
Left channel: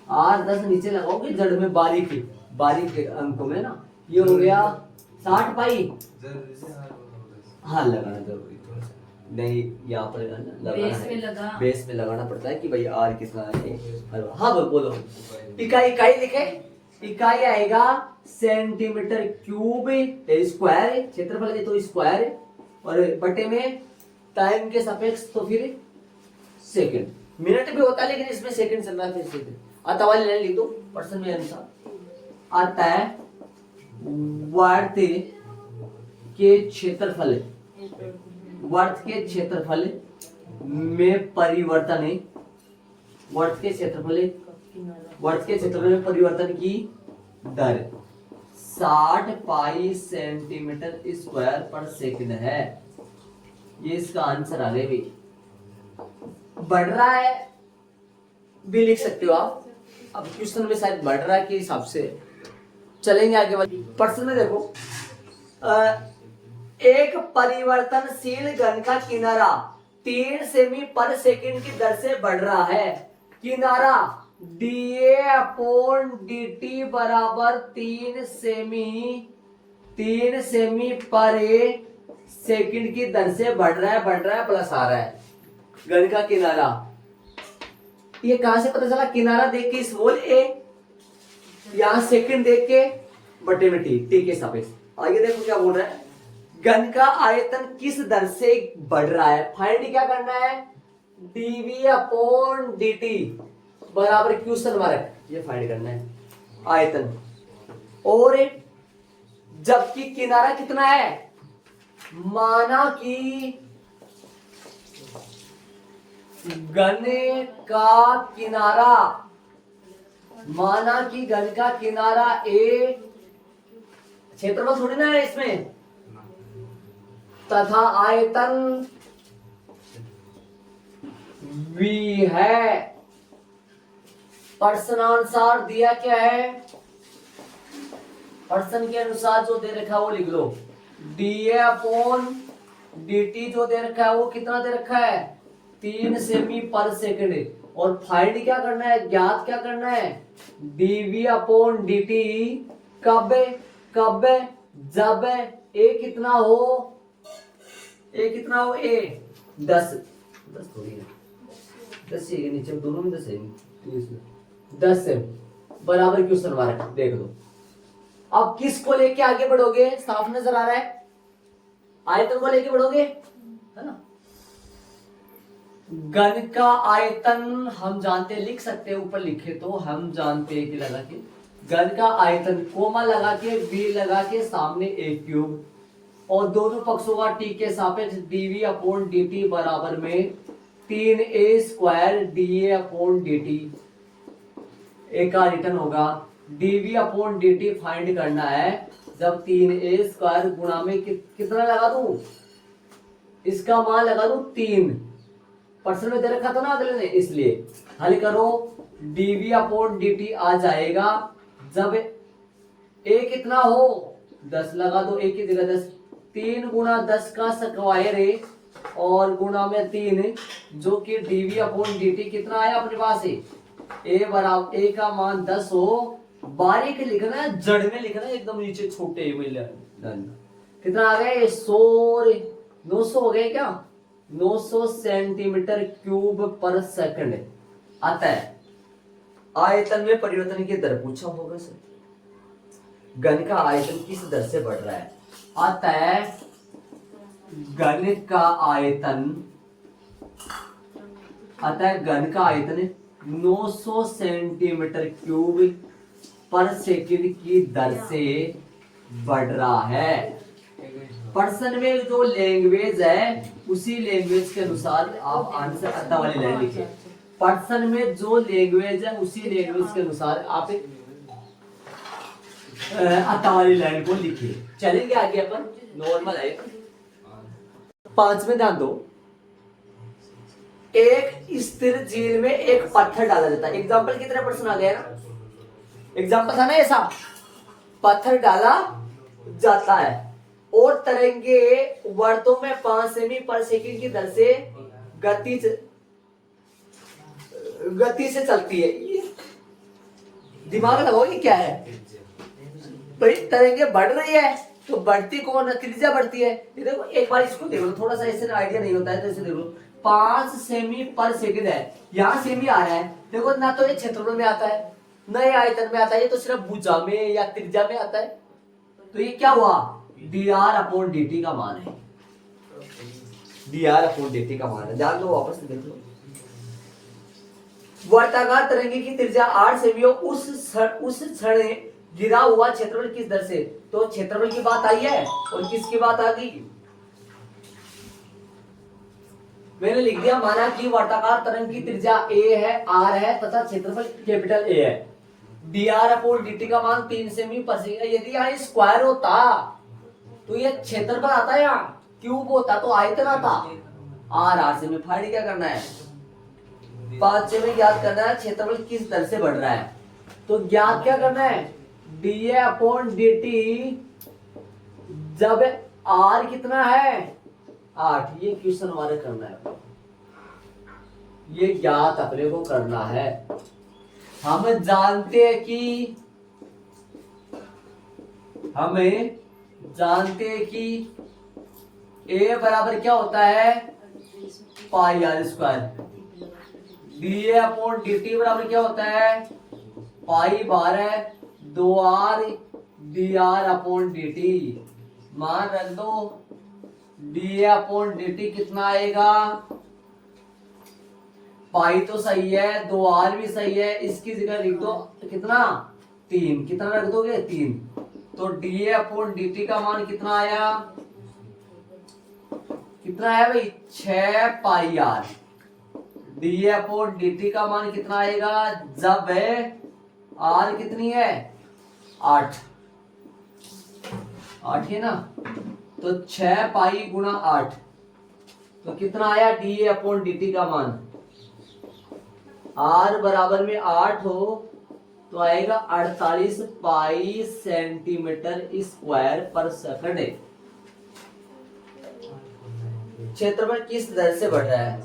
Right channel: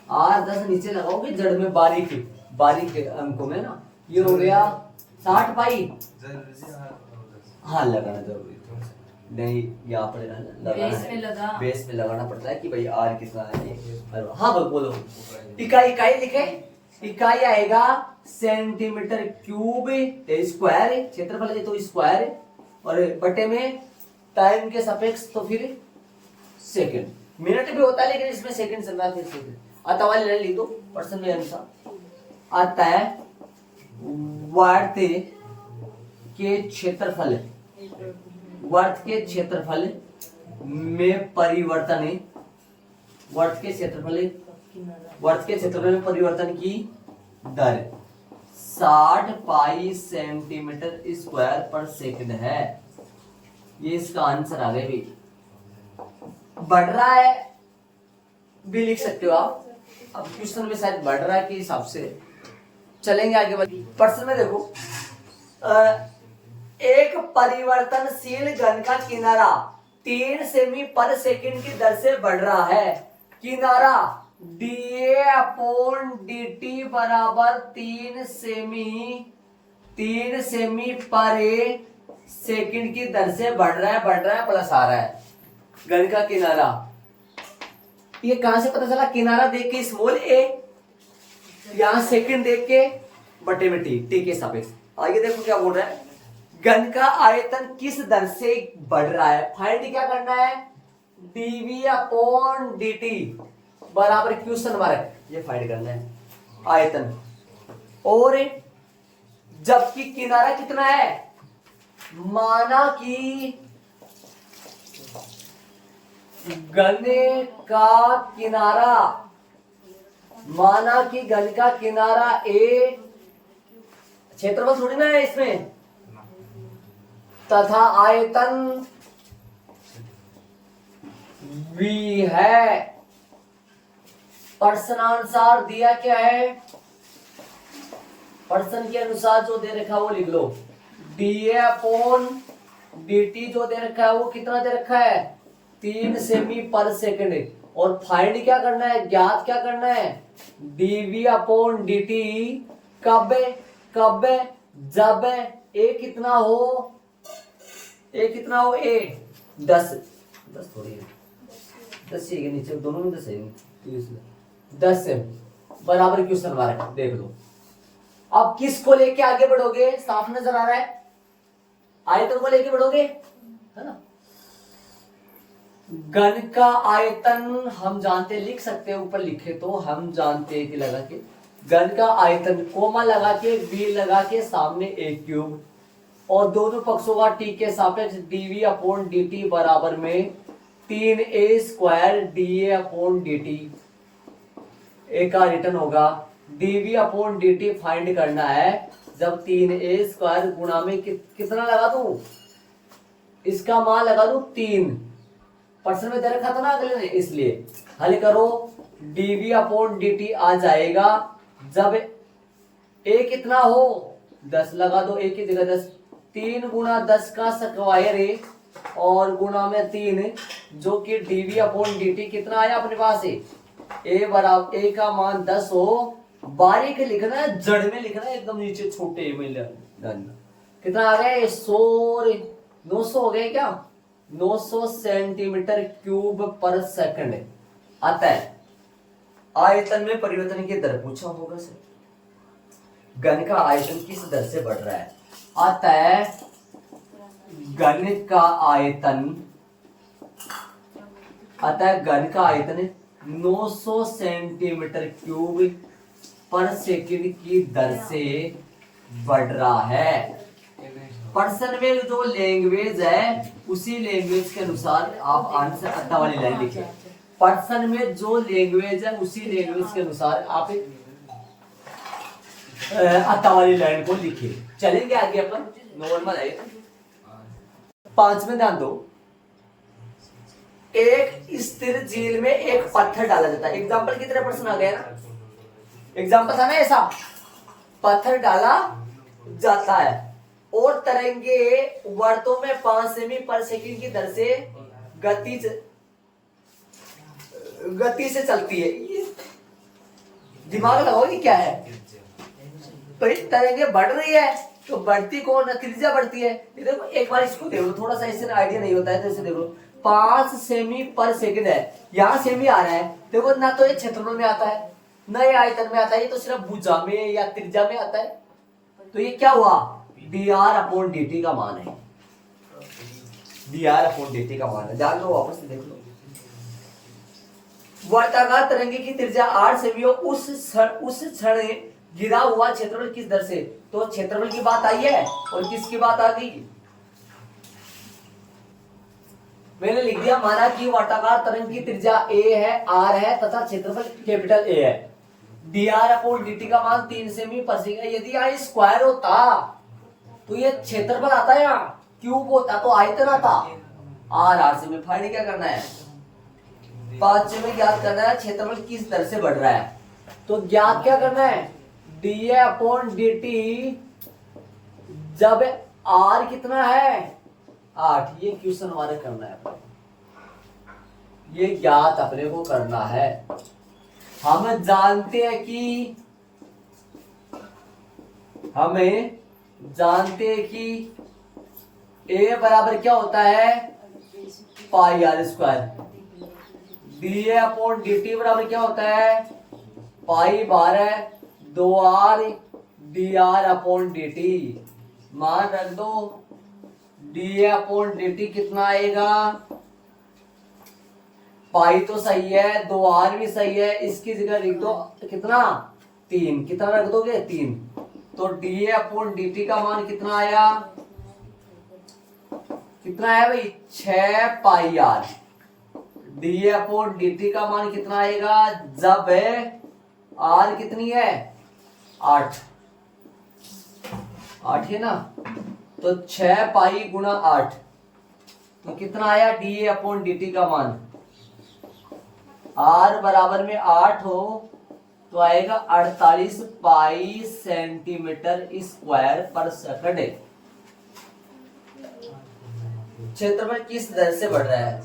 आर 10 नीचे लगाओगे जड़ में बारीक अंकों में ना, ये हो गया 60 पाई। हाँ लगाना जरूरी नहीं, यहाँ पर लगाना बेस में लगाना पड़ता है कि भाई आर कितना है। हाँ बोलो, इकाई लिखे, इकाई आएगा सेंटीमीटर क्यूब स्क्वायर है, क्षेत्रफल है तो स्क्वायर है, और बटे में टाइम के सापेक्ष तो फिर सेकंड, मिनट भी होता है लेकिन इसमें सेकंड चल रहा है, फिर सेकंड आता वाले ले ली तो पर्सन में अनुसार आता है। वर्त के क्षेत्रफल में परिवर्तन, वर्त के क्षेत्रफल में परिवर्तन की दर 60 पाई सेंटीमीटर स्क्वायर पर सेकंड है। ये इसका आंसर आ गया भी, बढ़ रहा है भी लिख सकते हो आप। अब क्वेश्चन में शायद बढ़ रहा है के हिसाब से चलेंगे आगे। प्रश्न में देखो, एक परिवर्तनशील घन का किनारा 3 सेमी पर सेकंड की दर से बढ़ रहा है। किनारा D A upon D T बराबर 3 सेमी 3 सेमी पर सेकंड की दर से बढ़ रहा है प्लस आ रहा है। घन का किनारा, ये कहां से पता चला? किनारा देख के स्मॉल ए, यहां सेकंड देख के बटे में टी के सापेक्ष। आइए देखो क्या बोल रहा है, घन का आयतन किस दर से बढ़ रहा है। फाइंड क्या करना है, dv अपॉन dt बराबर क्वेश्चन मार्क, ये फाइंड करना है आयतन। और जबकि किनारा कितना है, माना कि घन का किनारा, माना कि घन का किनारा ए, क्षेत्रफल थोड़ी ना है इसमें, तथा आयतन v है। प्रश्नानुसार दिया क्या है, प्रश्न के अनुसार जो दे रखा है वो लिख लो। dA अपॉन dt जो दे रखा है वो कितना दे रखा है, 3 सेमी पर सेकंड। और फाइंड क्या करना है, ज्ञात क्या करना है, dv अपॉन dt कब कब, जब a कितना हो, a कितना हो, a 10 थोड़ी है, 10 के नीचे दोनों में 10 है, 10 से बराबर क्वेश्चन मार्क। देख लो अब किसको लेके आगे बढ़ोगे, साफ नजर आ रहा है, आयतन को लेके बढ़ोगे, है ना। घन का आयतन हम जानते, लिख सकते हैं, ऊपर लिखे तो हम जानते हैं कि लगा के घन का आयतन कोमा लगा के बी लगा के सामने ए क्यूब, और दोनों पक्षों का टी के सापेक्ष dv अपॉन dt बराबर में 3a square dA upon dt। ए का रिटर्न होगा, dv अपॉन dt फाइंड करना है जब 3a स्क्वायर गुणा में कितना लगा दूं, इसका मान लगा दूं 3, प्रश्न में दे रखा था ना अगले ने, इसलिए हल करो। dv अपॉन dt आ जाएगा जब a कितना हो 10, लगा दो a की जगह 10, 3 गुणा 10 का स्क्वायर है और गुणा में 3, जो कि dv अपॉन dt कितना आया अपने पास है, a बराबर a का मान 10 हो, बारीक लिखना है, जड़ में लिखना है, एकदम नीचे छोटे कितना आ गए 900 हो गए क्या, 900 सेंटीमीटर क्यूब पर सेकंड आता है। आयतन में परिवर्तन की दर पूछा होगा सर, घन का आयतन किस दर से बढ़ रहा है, आता है घन का आयतन, आता है घन का आयतन 900 सेंटीमीटर क्यूब पर सेकंड की दर से बढ़ रहा है। पर्सन में जो लैंग्वेज है उसी लैंग्वेज के अनुसार आप आंसर अत्ता वाली लाइन लिखिए। पर्सन में जो लैंग्वेज है उसी लैंग्वेज के अनुसार आप अत्ता वाली लाइन को लिखिए। चलेंगे आगे अपन नॉर्मल है। 5 में ध्यान दो, एक स्थिर झील में एक पत्थर डाला जाता है। एग्जाम्पल की तरह प्रश्न आ गया ना, एग्जाम्पल था ना ऐसा, पत्थर डाला जाता है और तरंगे वर्तों में 5 सेमी पर सेकंड की दर से गति से चलती है। ये दिमाग लगाओ ये क्या है, तो ये तरंगे बढ़ रही है तो बढ़ती कौन, त्रिज्या बढ़ती है। ये देखो एक बार इसको देखो, थोड़ा सा इससे आइडिया नहीं होता है तो इसे देखो, 5 सेमी पर सेकंड है, यहाँ सेमी आ रहा है, देखो ना तो ये क्षेत्रफल में आता है ना ये आयतन में आता है, ये तो सिर्फ भुजा में या त्रिज्या में आता है। तो ये क्या हुआ, dr अपॉन dt का मान है, dr अपॉन dt का मान है। जान लो, वापस से देख लो। वर्ताकार तरंगे की त्रिज्या 8 सेमी हो, उस क्षण गिरा हुआ क्षेत्रफल किस दर से, तो क्षेत्रफल की बात आई है और किसकी बात आ गई, मैंने लिख दिया, माना कि वर्ताकार तरंग की त्रिज्या a है, r है तथा क्षेत्रफल कैपिटल A है। dr अपॉन dt का मान 3 सेमी पर सेकंड। यदि यहाँ स्क्वायर होता तो ये क्षेत्रफल आता है, यहाँ क्यूब होता तो आयतन आता। r से में फाइंड क्या करना है, 5 में ज्ञात करना है क्षेत्रफल किस दर से बढ़ रहा है। तो ज्ञात क्या करना है, dA अपॉन dt जब r कितना है 8, ये क्वेश्चन हमारे करना है, ये ज्ञात अपने को करना है। हम जानते हैं कि हमें जानते हैं कि ए बराबर क्या होता है pi R square, D A upon D T बराबर क्या होता है pi 12 2 R D R upon D T. मान रख दो D A upon D T कितना आएगा, पाई तो सही है, 2 आर भी सही है, इसकी जगह लिख दो कितना 3, कितना रख दोगे 3, तो D A upon D T का मान कितना आया, कितना आया भाई 6 pi R. D A upon D T का मान कितना आएगा जब है आर कितनी है 8 है ना, तो 6 पाई गुणा 8 तो कितना आया D A upon D T का मान, आर बराबर में 8 हो तो आएगा 48 पाई सेंटीमीटर स्क्वायर पर सेकंड। क्षेत्रफल किस दर से बढ़ रहा है,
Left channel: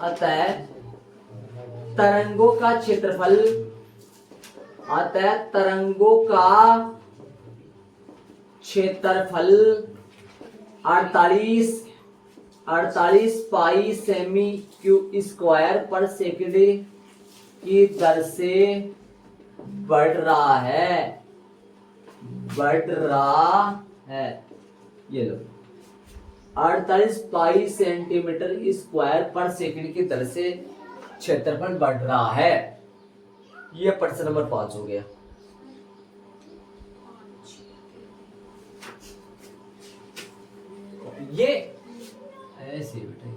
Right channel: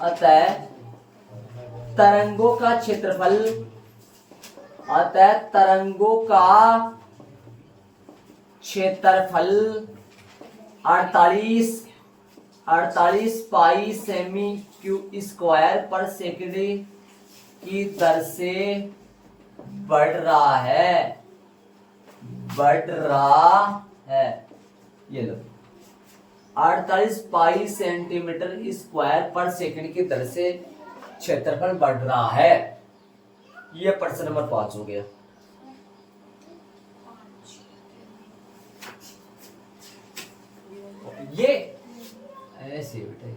अतः तरंगों का क्षेत्रफल, अतः तरंगों का क्षेत्रफल 48 पाई सेमी क्यूब स्क्वायर पर सेकंड की दर से बढ़ रहा है, ये लो 48 पाई सेंटीमीटर स्क्वायर पर सेकंड की दर से क्षेत्रफल बढ़ रहा है। ये प्रश्न नंबर 5 हो गया। ये ऐसे बेटा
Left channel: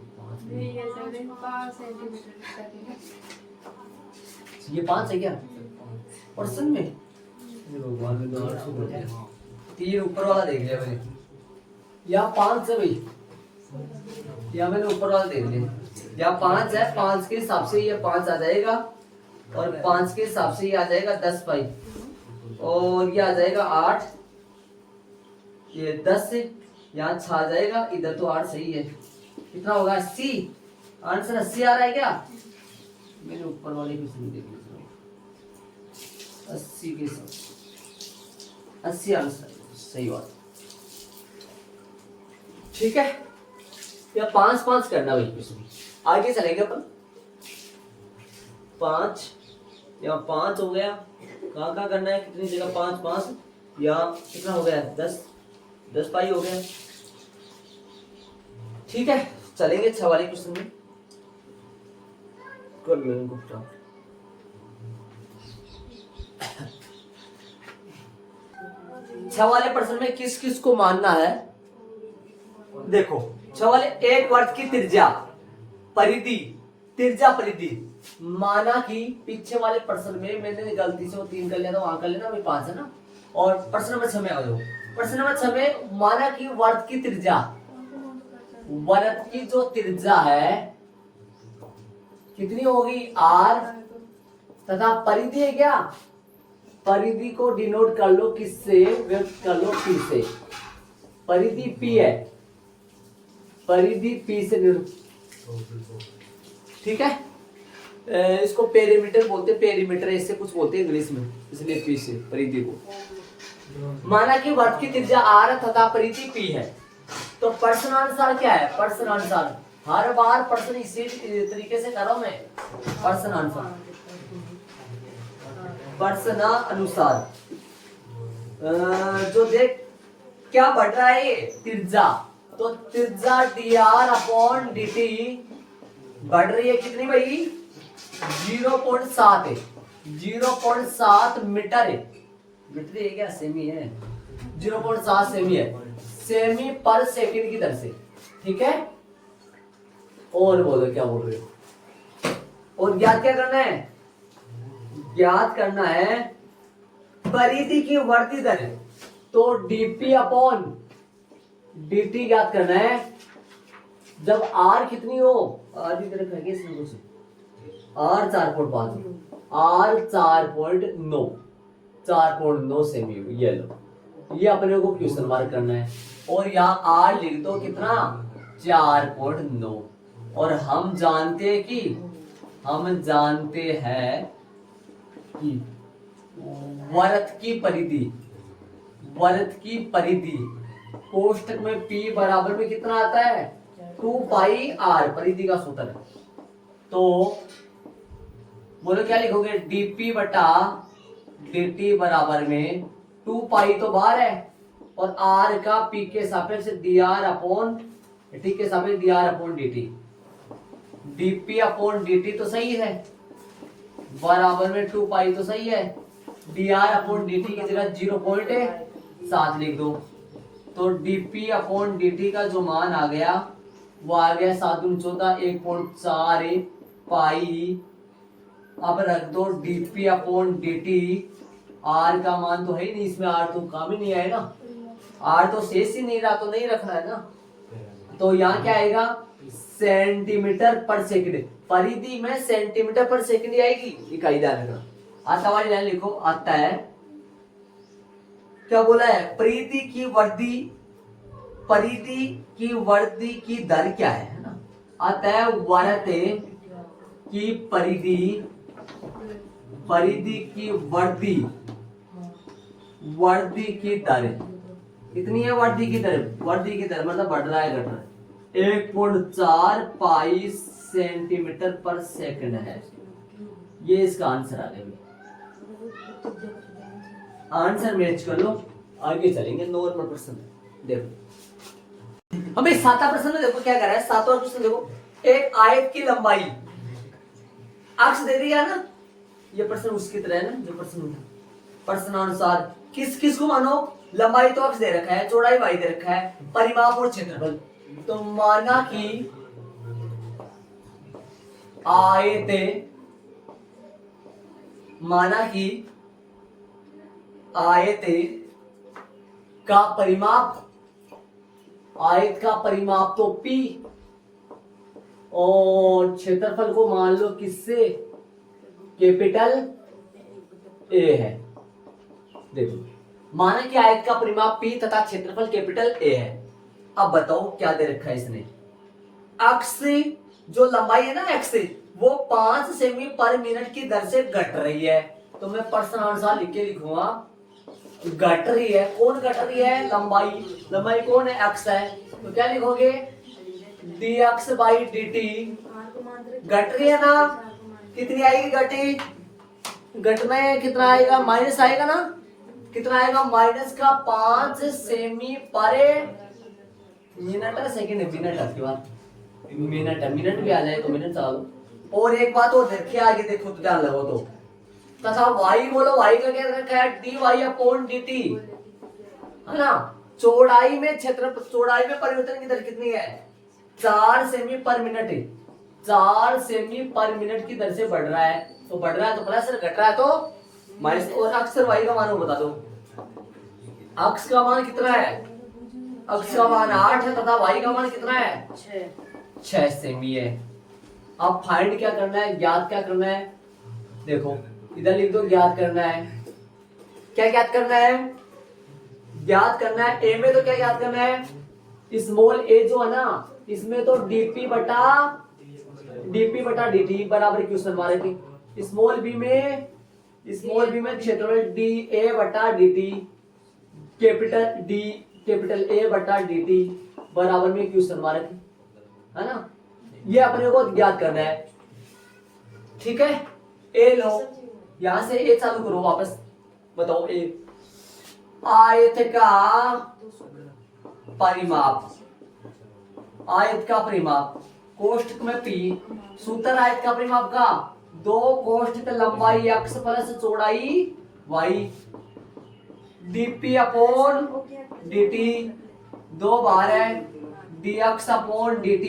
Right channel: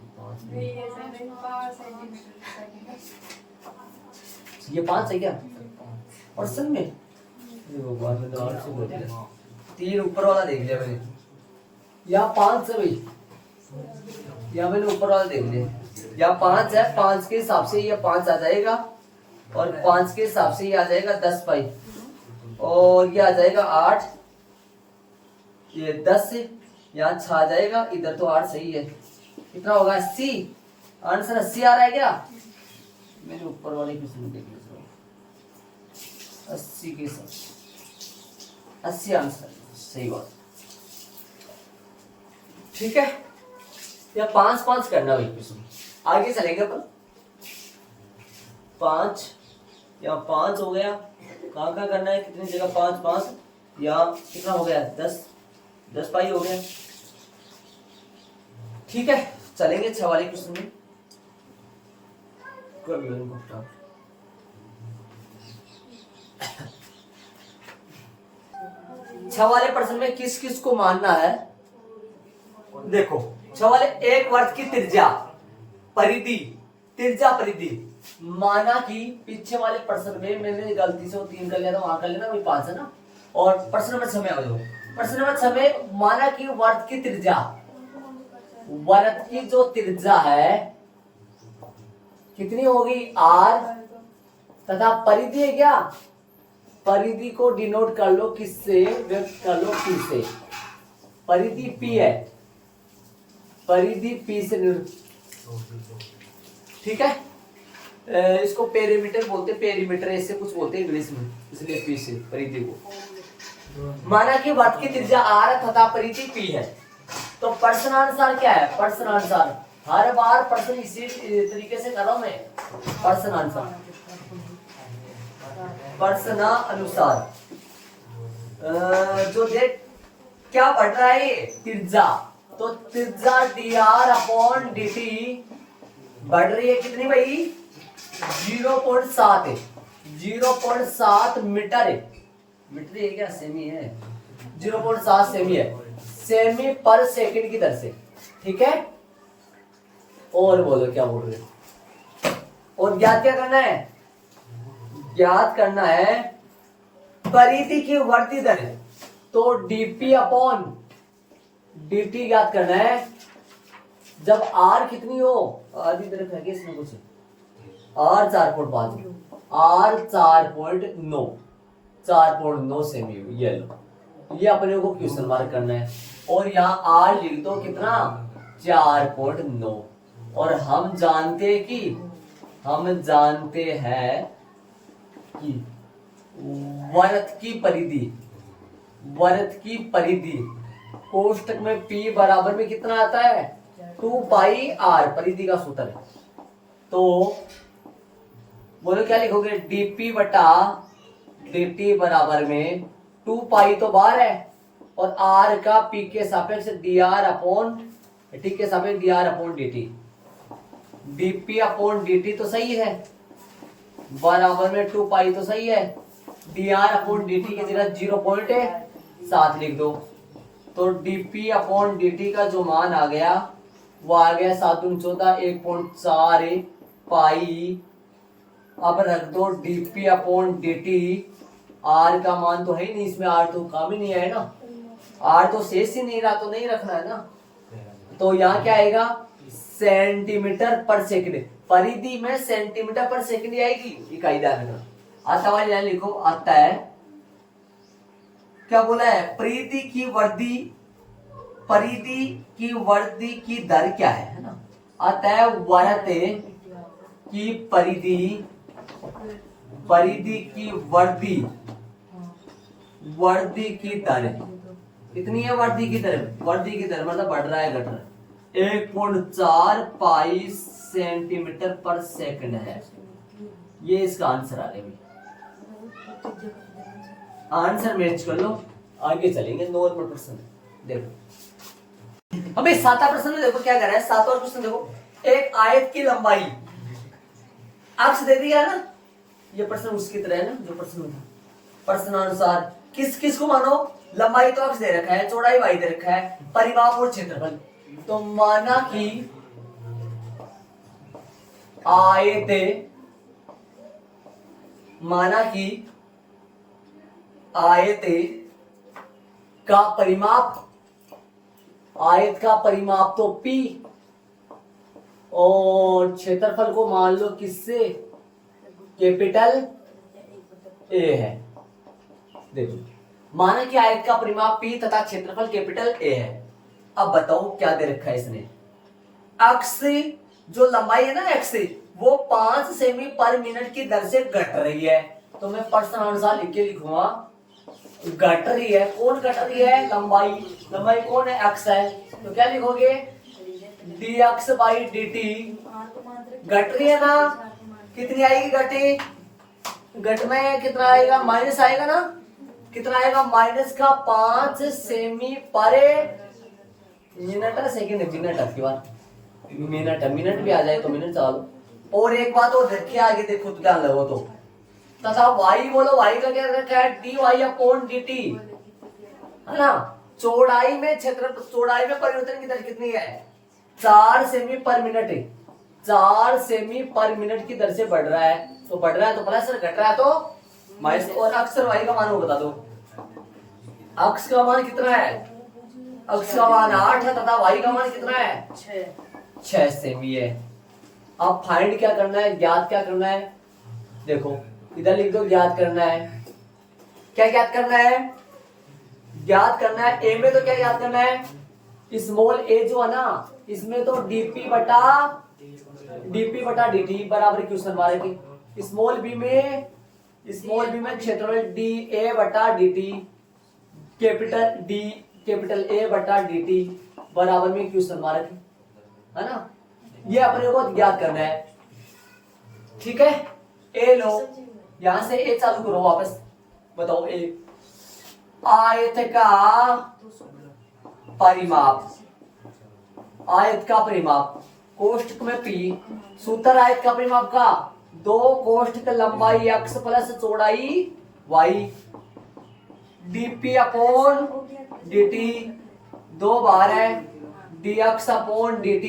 ये 5 है क्या प्रश्न में, तीन ऊपर वाला देख लिया मैंने, यहाँ 5 है भाई, यहाँ मैंने ऊपर वाला देख लिया, यहाँ 5 है, 5 के हिसाब से ये 5 आ जाएगा और 5 के हिसाब से ये आ जाएगा 10 पाई और ये आ जाएगा 8, ये 10 से यहाँ 6 आ जाएगा, इधर तो 8 सही है, कितना होगा 80, आंसर 80 आ रहा है क्या, मैंने ऊपर वाले क्वेश्चन देख लिया 80 के साथ 80 आंसर सही बात, ठीक है। या 5 करना भाई क्वेश्चन, आगे चलेंगे अपन। 5 यहाँ 5 हो गया, कहाँ करना है, कितनी जगह 5 यहाँ कितना हो गया 10 पाई हो गया, ठीक है। चलेंगे 6 वाले क्वेश्चन में, कर लो इनको फटाफट। 6 वाले प्रश्न में किस किस को मानना है, देखो 6 वाले एक वर्ग की त्रिज्या परिधि माना कि पीछे वाले प्रश्न में मैंने गलती से 3 कर लिया था, वहां कर लेना, वही 5 है ना, और प्रश्न नंबर 6 में आ गए। प्रश्न नंबर 6 में माना कि वर्ग की जो त्रिज्या है कितनी होगी r, तथा परिधि है क्या, परिधि को डिनोट कर लो किससे, व्यक्त कर लो p से, परिधि p है, परिधि p से, ठीक है। इसको पेरीमीटर बोलते हैं, पेरीमीटर ऐसे कुछ बोलते हैं इंग्लिश में, इसलिए p से परिधि को। माना कि वर्ग की त्रिज्या r तथा परिधि p है, तो प्रश्नानुसार क्या है, प्रश्नानुसार हर बार प्रश्न इसी तरीके से कर रहा हूं मैं, प्रश्नानुसार जो देख क्या बढ़ रहा है त्रिज्या, तो त्रिज्या dr अपॉन dt बढ़ रही है कितनी भाई 0.7 है, 0.7 मीटर है, मीटर है क्या सेमी है, 0.7 सेमी है, सेमी पर सेकंड की दर से, ठीक है। और बोलो क्या बोल रहे हो, और ज्ञात क्या करना है, ज्ञात करना है परिधि की वर्ती दर, तो dp अपॉन dt ज्ञात करना है जब r कितनी हो, आधी तरफ है इसमें कुछ, r 4.5, r 4.9 सेमी, ये लो, ये अपने को क्वेश्चन मार्क करना है, और यहाँ r लिख दो कितना 4.9, और हम जानते हैं कि वृत्त की परिधि वृत्त की परिधि, कोष्टक में P बराबर में कितना आता है 2 पाई r, परिधि का सूत्र है। तो बोलो क्या लिखोगे, dp बटा dt बराबर में 2 पाई तो बाहर है और r का p के सापेक्ष dr अपॉन t के सापेक्ष dr upon dt, dp upon dt तो सही है, बराबर में 2 पाई तो सही है, dr अपॉन dt की जगह 0.7 लिख दो। तो dp अपॉन dt का जो मान आ गया वो आ गया 7 दूनी 14, 1.4 पाई। अब रख दो dp अपॉन dt, r का मान तो है ही नहीं इसमें, r तो काम ही नहीं है ना, r तो शेष ही नहीं रहा तो नहीं रखना है ना। तो यहाँ क्या आएगा सेंटीमीटर पर सेकंड, परिधि में सेंटीमीटर पर सेकंड आएगी, इकाई ध्यान रखना। आता वाली लाइन लिखो, आता है क्या बोला है, परिधि की वृद्धि की दर क्या है ना। आता है वृत्त की परिधि की वृद्धि की दर कितनी है, वृद्धि की दर मतलब बढ़ रहा है घट रहा है, 1.4 पाई सेंटीमीटर पर सेकंड है। ये इसका आंसर आ गया, आंसर मैच कर लो, आगे चलेंगे। नॉर्मल प्रश्न देखो, हमें 7वां प्रश्न देखो क्या कर रहा है। 7वां प्रश्न देखो, एक आयत की लंबाई अक्ष दे दिया ना, ये प्रश्न उसकी तरह है ना जो प्रश्न था, प्रश्नानुसार किस को मानो, लंबाई तो अक्ष दे रखा है, चौड़ाई y दे रखा है, परिमाप और क्षेत्रफल। तो माना कि आयत का परिमाप तो P और क्षेत्रफल को मान लो किससे, कैपिटल A है। देखो माना कि आयत का परिमाप P तथा क्षेत्रफल कैपिटल A है। अब बताओ क्या दे रखा है इसने, अक्ष जो लंबाई है ना x वो 5 सेमी पर मिनट की दर से घट रही है। तो मैं प्रश्नानुसार लिख के लिखूंगा घट रही है, कौन घट रही है, लंबाई कौन है, x है। तो क्या लिखोगे dx बाई dt, घट रही है ना, कितनी आएगी घटना है, कितना आएगा माइनस आएगा ना, कितना आएगा माइनस का 5 सेमी पर मिनट है, सेकंड है, मिनट है, बाद मिनट भी आ जाए तो मिनट चला लो। और एक बात और देख के आगे देखो तो ध्यान लगो तो, तथा y बोलो, y का क्या रखा है dy अपॉन dt है ना। चौड़ाई में परिवर्तन की दर कितनी है, 4 सेमी पर मिनट, 4 सेमी पर मिनट की दर से बढ़ रहा है। तो बढ़ रहा है तो प्लस, घट रहा है तो माइनस। और अक्ष और y का मान वो बता दो, अक्ष का मान कितना है, अक्ष का मान 8 है तथा y का मान कितना है 6 सेमी है। अब फाइंड क्या करना है, ज्ञात क्या करना है, देखो इधर लिख दो, ज्ञात करना है। क्या ज्ञात करना है, ज्ञात करना है ए में तो क्या ज्ञात करना है, स्मॉल ए जो है ना, इसमें तो dp बटा dt बराबर क्वेश्चन मारे की, स्मॉल बी में क्षेत्रफल dA बटा dt, कैपिटल A बटा dt बराबर में क्वेश्चन मारे थे, है ना। ये अपने को ज्ञात करना है, ठीक है। ए लो, यहां से ए चालू करो वापस, बताओ ए आयत का परिमाप कोष्ठक में P, सूत्र आयत का परिमाप का 2 कोष्ठक लंबाई x प्लस चौड़ाई y, dp अपॉन dt 2 बार है, dx अपॉन dt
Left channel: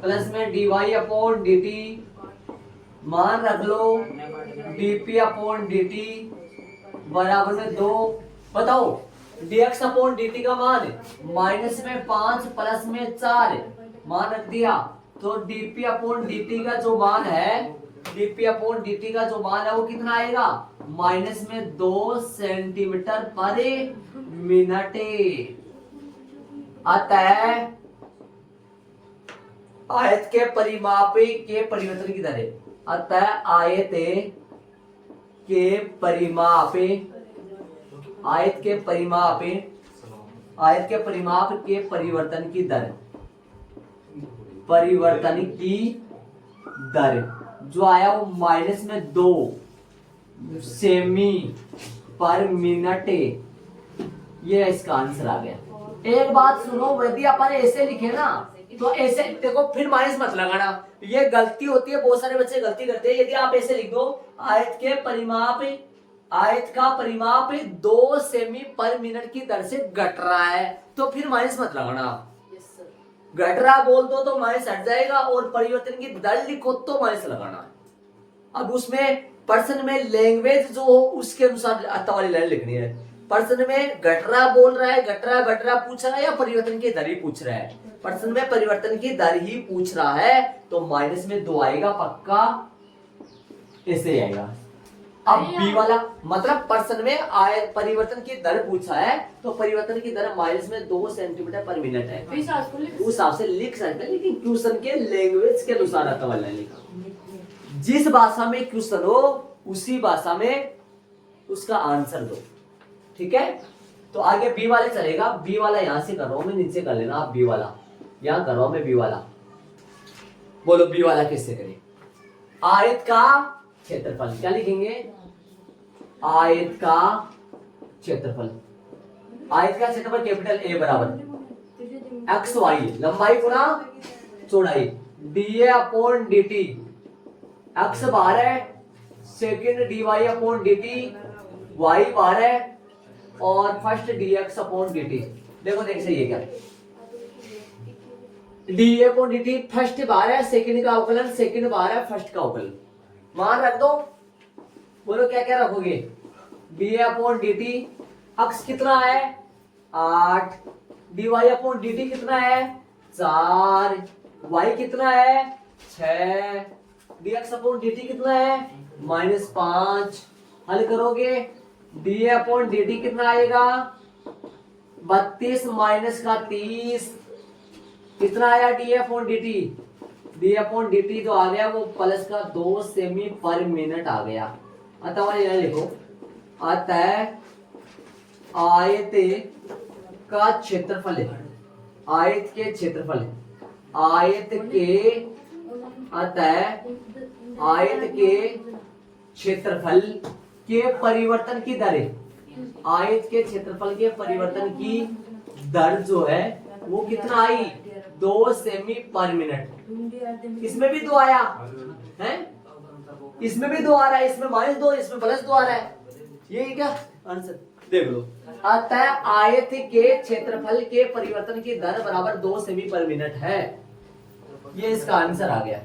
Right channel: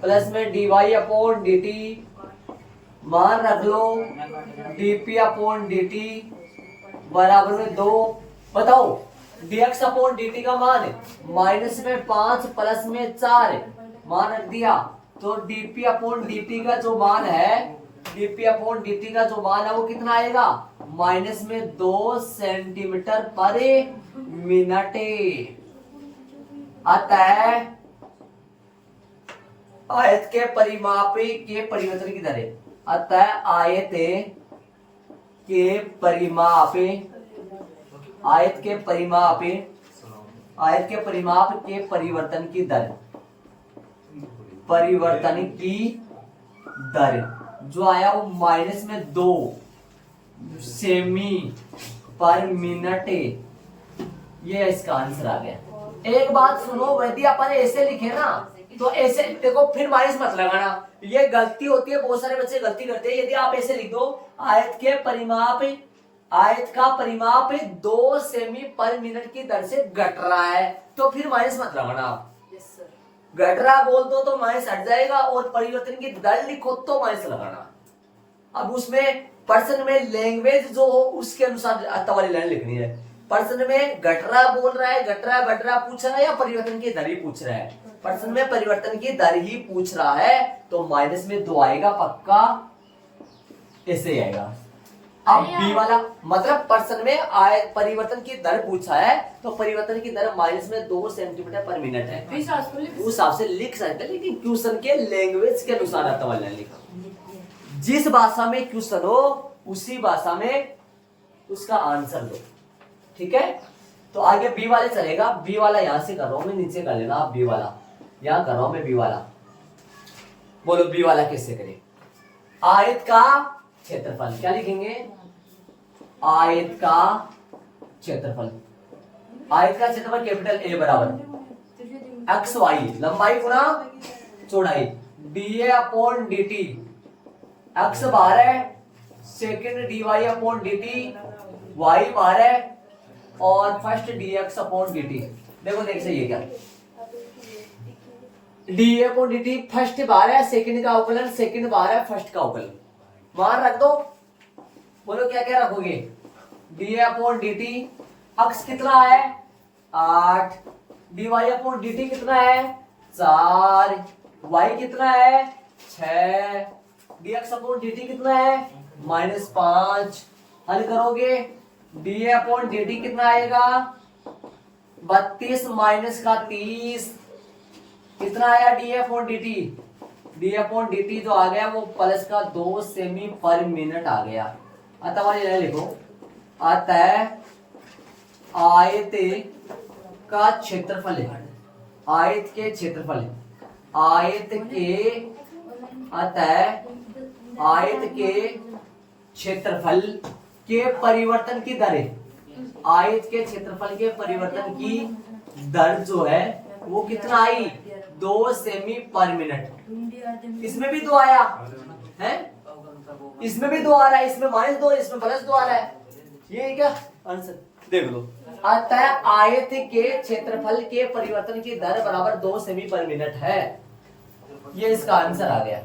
प्लस में dy अपॉन dt, मान रख लो dp अपॉन dt बराबर में 2। बताओ dx अपॉन dt का मान माइनस में 5 प्लस में 4 मान रख दिया। तो dp अपॉन dt का जो मान है, वो कितना आएगा, माइनस में 2 सेंटीमीटर पर मिनट। अतः आयत के परिमाप के परिवर्तन की दर, अतः आयत के परिमाप आयत के परिमाप के परिवर्तन की दर, परिवर्तन की दर जो आया वो माइनस में 2 सेमी पर मिनट, ये इसका आंसर आ गया। एक बात सुनो, यदि अपन ऐसे लिखे ना तो ऐसे देखो, फिर माइनस मत लगाना, ये गलती होती है, बहुत सारे बच्चे गलती करते हैं। यदि आप ऐसे लिख दो आयत का परिमाप 2 सेमी पर मिनट की दर से घट रहा है, तो फिर माइनस मत लगाना। घट रहा बोल दो तो माइनस हट जाएगा, और परिवर्तन की दर लिखो तो माइनस लगाना। अब उसमें पर्सन में लैंग्वेज जो हो उसके अनुसार आता वाली लाइन लिखनी है। पर्सन में घट रहा बोल रहा है, घट रहा बढ़ रहा पूछ रहा है, या परिवर्तन की दर ही पूछ रहा है? पर्सन में परिवर्तन की दर ही पूछ रहा है, तो माइनस में 2 आएगा पक्का, ऐसे ही आएगा। अब बी वाला मतलब पर्सन में परिवर्तन की दर पूछा है, तो परिवर्तन की दर माइनस में 2 सेंटीमीटर पर मिनट है, उस हिसाब से लिख सकते हैं, लेकिन क्वेश्चन के लैंग्वेज के अनुसार आता वाला लिखा। जिस भाषा में क्वेश्चन हो उसी भाषा में उसका आंसर दो, ठीक है। तो आगे बी वाले चलेगा। बी वाला यहां से कर रहा हूं मैं, नीचे कर लेना आप। बी वाला यहां कर रहा हूं मैं, बी वाला। बोलो बी वाला कैसे करें? आयत का क्षेत्रफल, क्या लिखेंगे? आयत का क्षेत्रफल। आयत का क्षेत्रफल कैपिटल ए बराबर एक्स वाई, लंबाई गुणा चौड़ाई, D upon D T. X bar है, second D Y upon D T, Y bar है, और first D X upon D T. देखो देख सही है क्या? D upon D T first bar है, सेकेंड का अवकलन, सेकेंड बार है, फर्स्ट का अवकलन। मान रख दो। बोलो क्या क्या रखोगे? D upon D T, X कितना है? 8, D Y upon D T कितना है? 4, वाई कितना है? 6, D X upon D T कितना है? -5। हल करोगे, डी अपॉन डी टी कितना आएगा? 32 माइनस का 30, कितना आया? D upon D T, D upon D T जो आ गया वो प्लस का 2 सेमी पर मिनट आ गया। अतः यह लिखो, अतः आयत का क्षेत्रफल है, आयत के क्षेत्रफल, आयत के, अतः आयत के क्षेत्रफल के परिवर्तन की दर, आयत के क्षेत्रफल के परिवर्तन की दर जो है वो कितना आई? 2 सेमी पर मिनट। इसमें भी 2 आया है, इसमें भी 2 आ रहा है, इसमें -2, इसमें +2 आ रहा है। ये क्या आंसर? देख लो, अतः आयत के क्षेत्रफल के परिवर्तन की दर बराबर 2 सेमी पर मिनट है। ये इसका आंसर आ गया।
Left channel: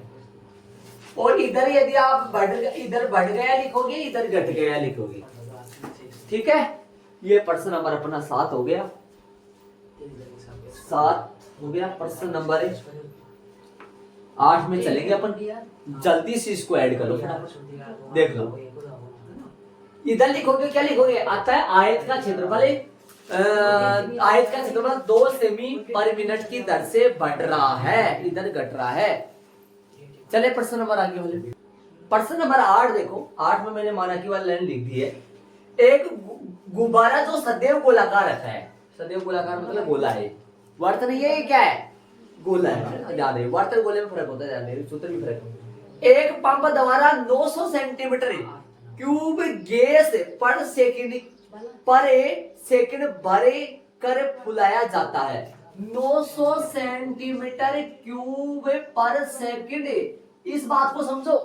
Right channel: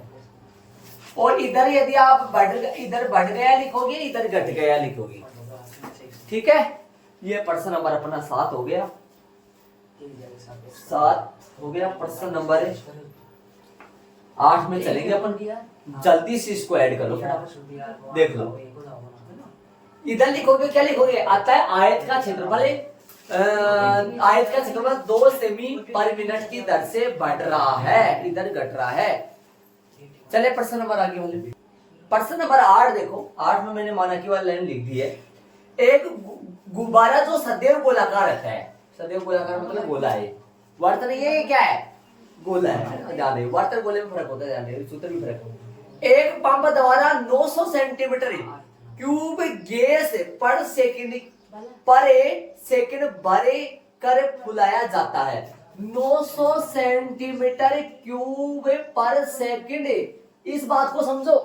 और इधर यदि आप इधर बढ़ गया लिखोगे, इधर घट गया लिखोगे, ठीक है। ये प्रश्न नंबर अपना 7 हो गया, 7 हो गया। प्रश्न नंबर 8 में चलेंगे अपन, जल्दी से इसको ऐड करो, देख लो। इधर लिखोगे, क्या लिखोगे? अतः आयत का क्षेत्रफल, आयत का क्षेत्रफल 2 सेमी पर मिनट की दर से बढ़ रहा है, इधर घट रहा है। चले प्रश्न नंबर आगे वाले। प्रश्न नंबर 8 देखो, 8 में मैंने मानकी वाली लाइन लिख दी है। एक गुब्बारा जो सदैव गोलाकार रहता है, सदैव गोलाकार मतलब गोला है, वर्त नहीं है, क्या है? गोला है। ध्यान दे, वर्त और गोले में फर्क होता है, ध्यान दे, सूत्र में फर्क होता है। एक पंप द्वारा 900 सेंटीमीटर क्यूब गैस पर सेकंड भरे कर फुलाया जाता है। 900 सेंटीमीटर क्यूब पर सेकंड, इस बात को समझो।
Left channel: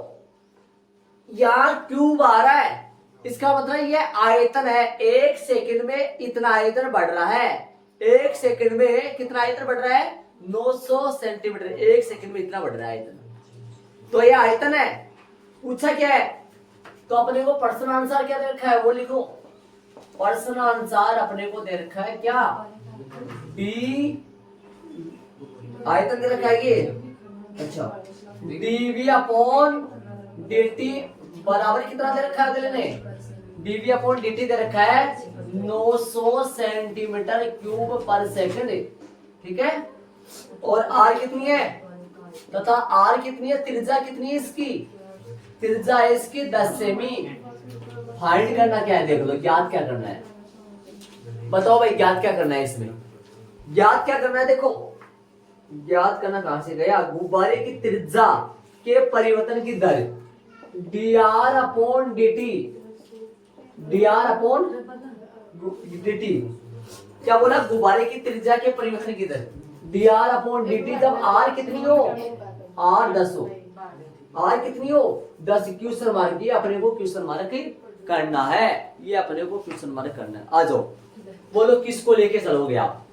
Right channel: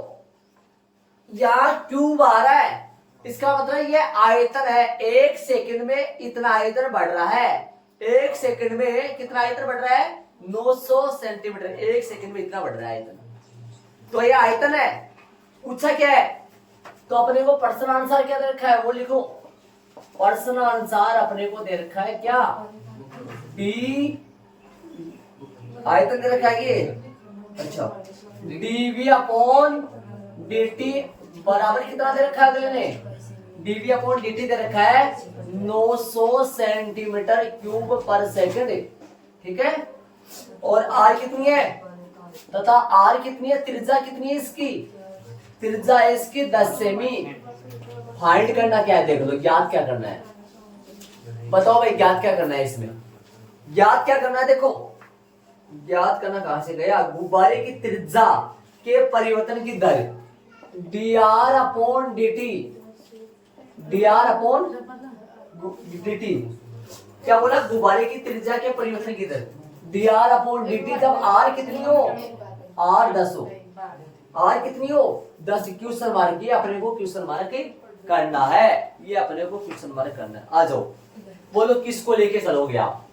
यहाँ क्यूब आ रहा है, इसका मतलब ये आयतन है। 1 सेकंड में इतना आयतन बढ़ रहा है, 1 सेकंड में कितना आयतन बढ़ रहा है? 900 सेंटीमीटर, 1 सेकंड में इतना बढ़ रहा है आयतन। तो ये आयतन है। पूछा क्या है? तो अपने को प्रश्न आंसर क्या दे रखा है वो लिखो। प्रश्न आंसर अपने को दे रखा है क्या? बी आयतन दे रखा है ये, अच्छा, dv अपॉन dt बराबर कितना दे रखा है अगले ने? dv अपॉन dt दे रखा है 900 सेंटीमीटर क्यूब पर सेकंड, ठीक है। और r कितनी है तथा r कितनी है? त्रिज्या कितनी है इसकी? त्रिज्या है इसकी 10 सेमी। फाइंड करना क्या है, देख लो, ज्ञात क्या करना है? बताओ भाई ज्ञात क्या करना है इसमें, ज्ञात क्या करना है, देखो ज्ञात करना कहां से गया, गुब्बारे की त्रिज्या के परिवर्तन की दर dr upon dt, dr upon dt, क्या बोला, गुब्बारे की त्रिज्या के परिवर्तन की दर dr अपॉन dt, जब r कितनी हो, r 10 हो, r कितनी हो 10, क्वेश्चन मार्क, ये अपने को क्वेश्चन मार्क करना है, ये अपने को क्वेश्चन मार्क करना है। आ जाओ बोलो किसको लेके चलोगे आप,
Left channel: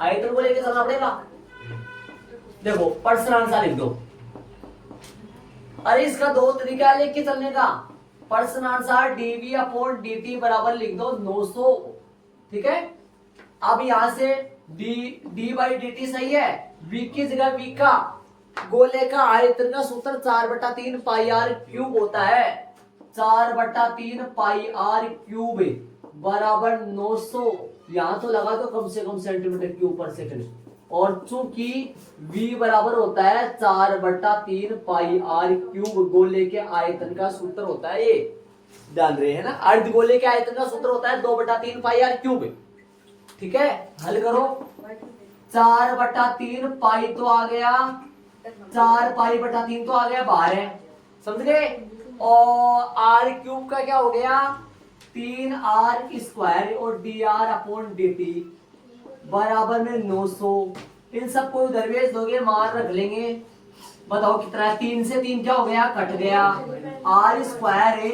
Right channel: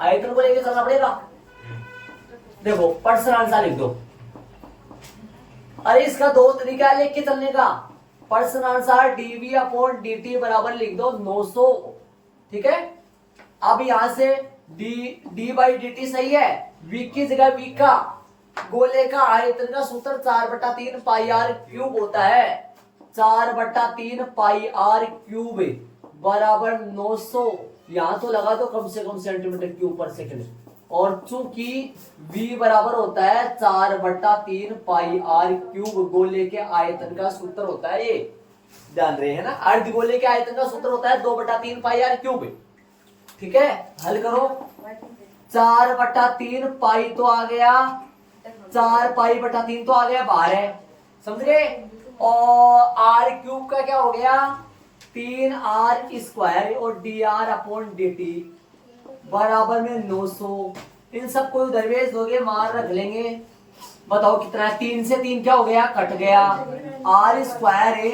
आयतन को लेके चलना पड़ेगा। देखो पर्सन आंसर लिख दो, अरे इसका दो तरीका है लेके चलने का, person answer dv upon dt बराबर लिख दो 900, ठीक है। अब यहां से d बाई dt सही है, v की जगह v का, गोले का आयतन का सूत्र 4/3 पाई r क्यूब होता है, 4/3 पाई r क्यूब बराबर 900, यहां तो लगा दो कम से कम सेंटीमीटर क्यूब पर सेकंड, और चूंकि v बराबर होता है 4/3 पाई r क्यूब, गोले के आयतन का सूत्र होता है, ये जान रहे हैं ना, अर्ध गोले के आयतन का सूत्र होता है 2/3 पाई r क्यूब, ठीक है। हल करो, 4/3 पाई तो आ गया, 4 पाई/3 तो आ गया बाहर है, समझ गए, और r क्यूब का क्या हो गया 3r स्क्वायर, और dr अपॉन dt बराबर में 900, इन सबको उधर भेज दोगे, मान रख लेंगे, बताओ कितना है, 3 से 3 क्या हो गया, कट गया, r स्क्वायर है,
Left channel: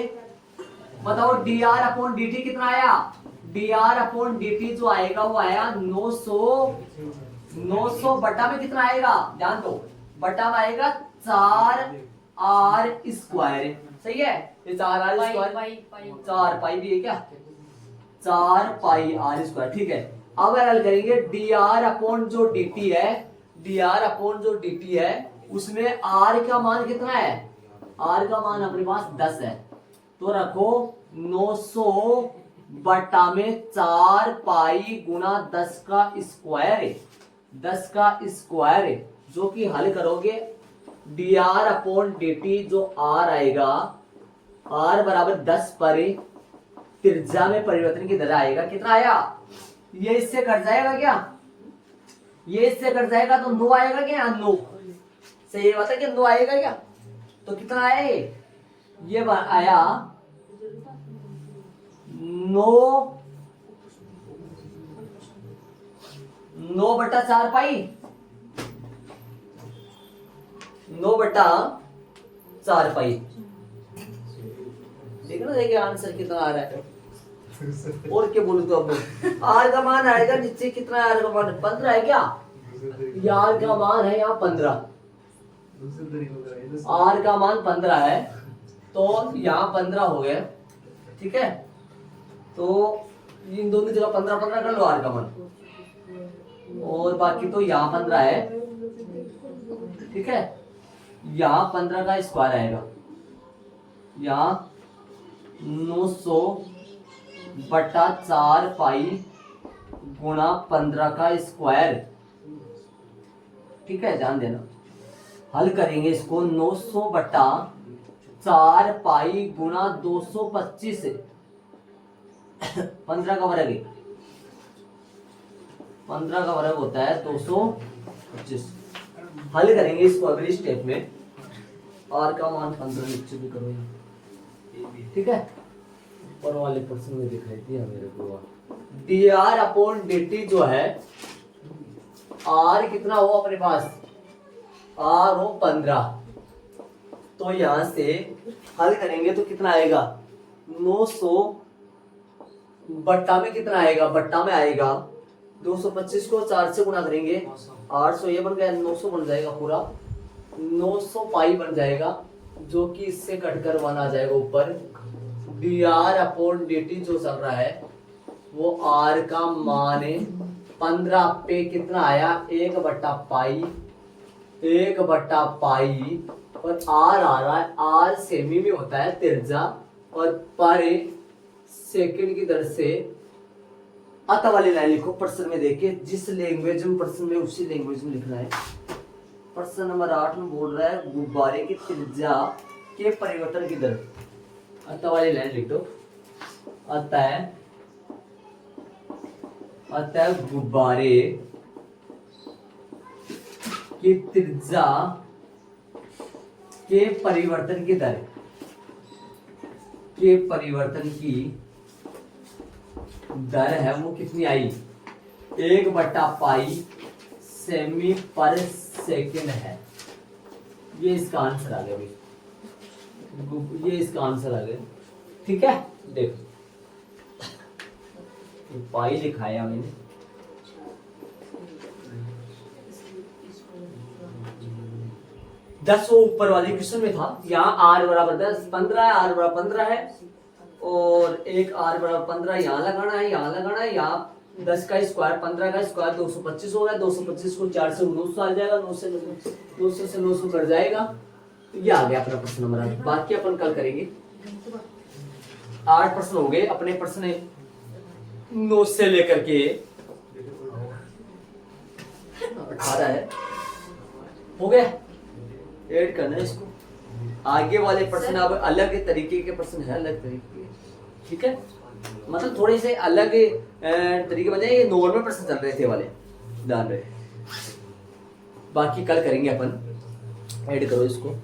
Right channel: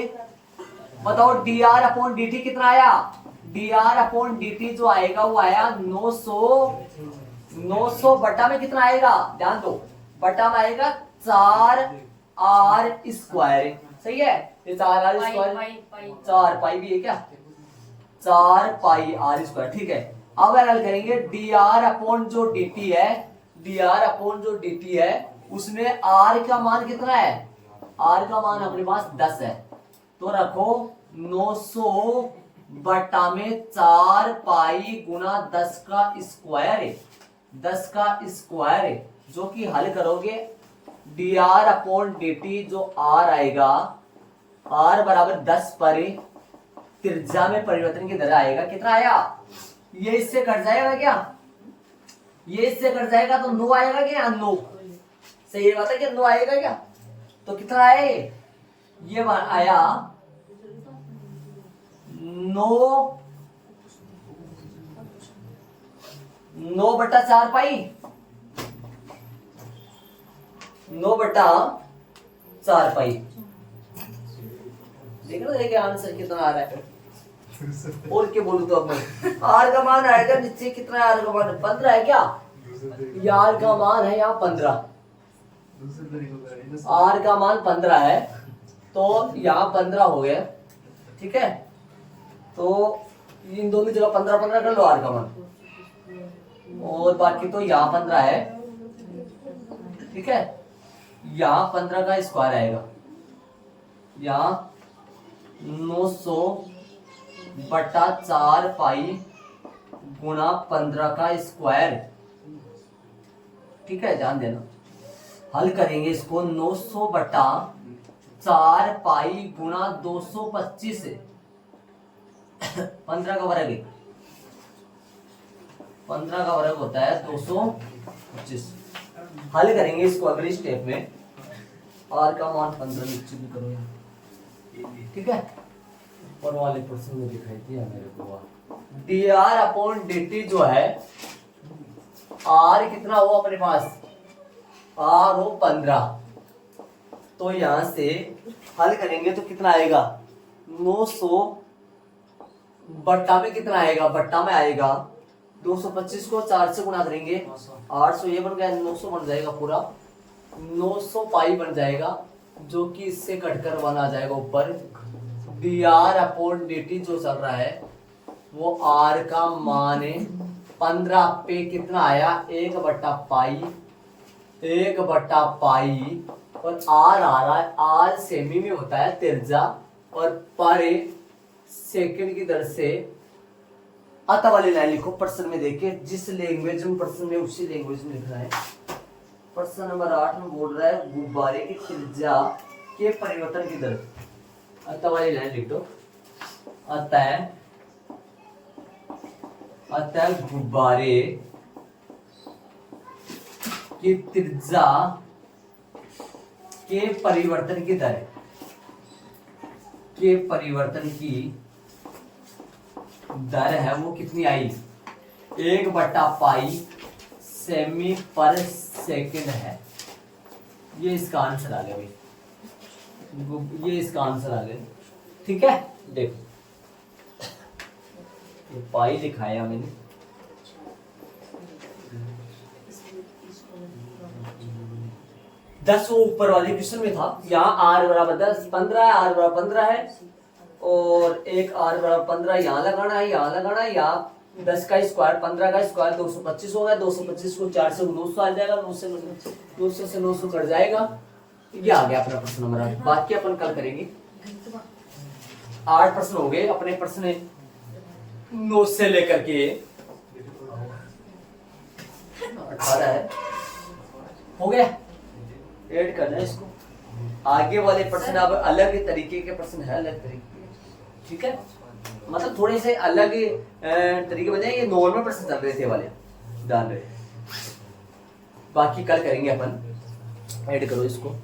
बताओ dr अपॉन dt कितना आया, dr अपॉन dt जो आएगा वो आया 900 बटा में कितना आएगा, ध्यान दो, बटा में आएगा 4r स्क्वायर, सही है, ये 4r स्क्वायर, 4 पाई भी है क्या, 4 पाई r स्क्वायर, ठीक है। अब अगर हल करेंगे dr अपॉन जो dt है, dr अपॉन जो dt है उसमें r का मान कितना है, r का मान अपने पास 10 है, तो रखो 900 बटा में 4 पाई गुना 10 का स्क्वायर है, 10 का स्क्वायर है, जो कि हल करोगे dr अपॉन dt जो r आएगा, r बराबर 10 पर त्रिज्या में परिवर्तन की दर आएगा, कितना आया, ये इससे कट जाएगा क्या, ये इससे कट जाएगा तो 9 आएगा क्या, 9 सही बात है कि 9 आएगा क्या, तो कितना आया ये बार आया 9/4 पाई, 9/4 पाई, देखो ना देखिए आंसर कितना आ रहा है, और क्या बोलूं तो अब आर का मान आएगा नीचे, कितना आर का मान 15 है क्या, आर का मान है यहाँ 15, आर का मान 15 है, तो यहाँ 15 हो गया, ठीक है, तो इन दोनों जगह 15 कर लो आर का मान, और बाकी तो यहाँ 15 है, ठीक है, यहाँ 15 का स्क्वायर आएगा, यहाँ 900/4 पाई गुना 15 का स्क्वायर, ठीक है, ध्यान देना, हल करेंगे इसको 900/4 पाई गुना 225 से 15 का वर्ग है, 15 का वर्ग होता है 225, हल करेंगे इसको अगले स्टेप में, आर का मान 15 नीचे भी करो यहाँ, ठीक है, और वाले प्रश्न में दिखाई दिया मेरे को, dr अपॉन dt जो है, r कितना हो अपने पास, r हो 15, तो यहां से हल करेंगे तो कितना आएगा 900 बट्टा में कितना आएगा, बट्टा में आएगा 225 को 4 से गुणा करेंगे 800, ये बन गया 900 बन जाएगा पूरा, 900 पाई बन जाएगा, जो कि इससे कटकर 1 आ जाएगा ऊपर, dr अपॉन dt जो चल रहा है वो r का मान है 15 पे कितना आया 1/पाई, 1/पाई, और r आ रहा है, r सेमी में होता है त्रिज्या, और पर सेकंड की दर से, अतः वाली लाइन लिखो, प्रश्न में देखिए जिस लैंग्वेज में प्रश्न में उसी लैंग्वेज में लिखना है। प्रश्न नंबर 8 में बोल रहा है गुब्बारे की त्रिज्या के परिवर्तन की दर, अतः वाली लाइन लिख दो, अतः अतः गुब्बारे की त्रिज्या के परिवर्तन की दर है वो कितनी आई? 1/पाई सेमी पर सेकंड है। ये इसका आंसर आ गया भाई, ये इसका आंसर आ गया। ठीक है, देखो ये पाई दिखाया मैंने, दस वो ऊपर वाले क्वेश्चन में था। यहाँ r बराबर 10 15 है, r बराबर 15 है और एक r बराबर 15 यहाँ लगाना है, यहाँ लगाना है। यहाँ 10 का स्क्वायर 15 का स्क्वायर 225 होगा। 225 को 4 से 900 आ जाएगा, 900 से 900 कट जाएगा। ये आ गया अपना प्रश्न नंबर 8। बाकी अपन कल करेंगे। 8 प्रश्न हो गए अपने। प्रश्न 9 से लेकर के 18 है, हो गया। ऐड करना है इसको। आगे वाले प्रश्न अब अलग तरीके के प्रश्न है, अलग तरीके के। ठीक है, मतलब थोड़े से अलग तरीके बने। ये नॉर्मल प्रश्न चल रहे थे वाले, ध्यान रहे। बाकी कल करेंगे अपन। ऐड करो इसको।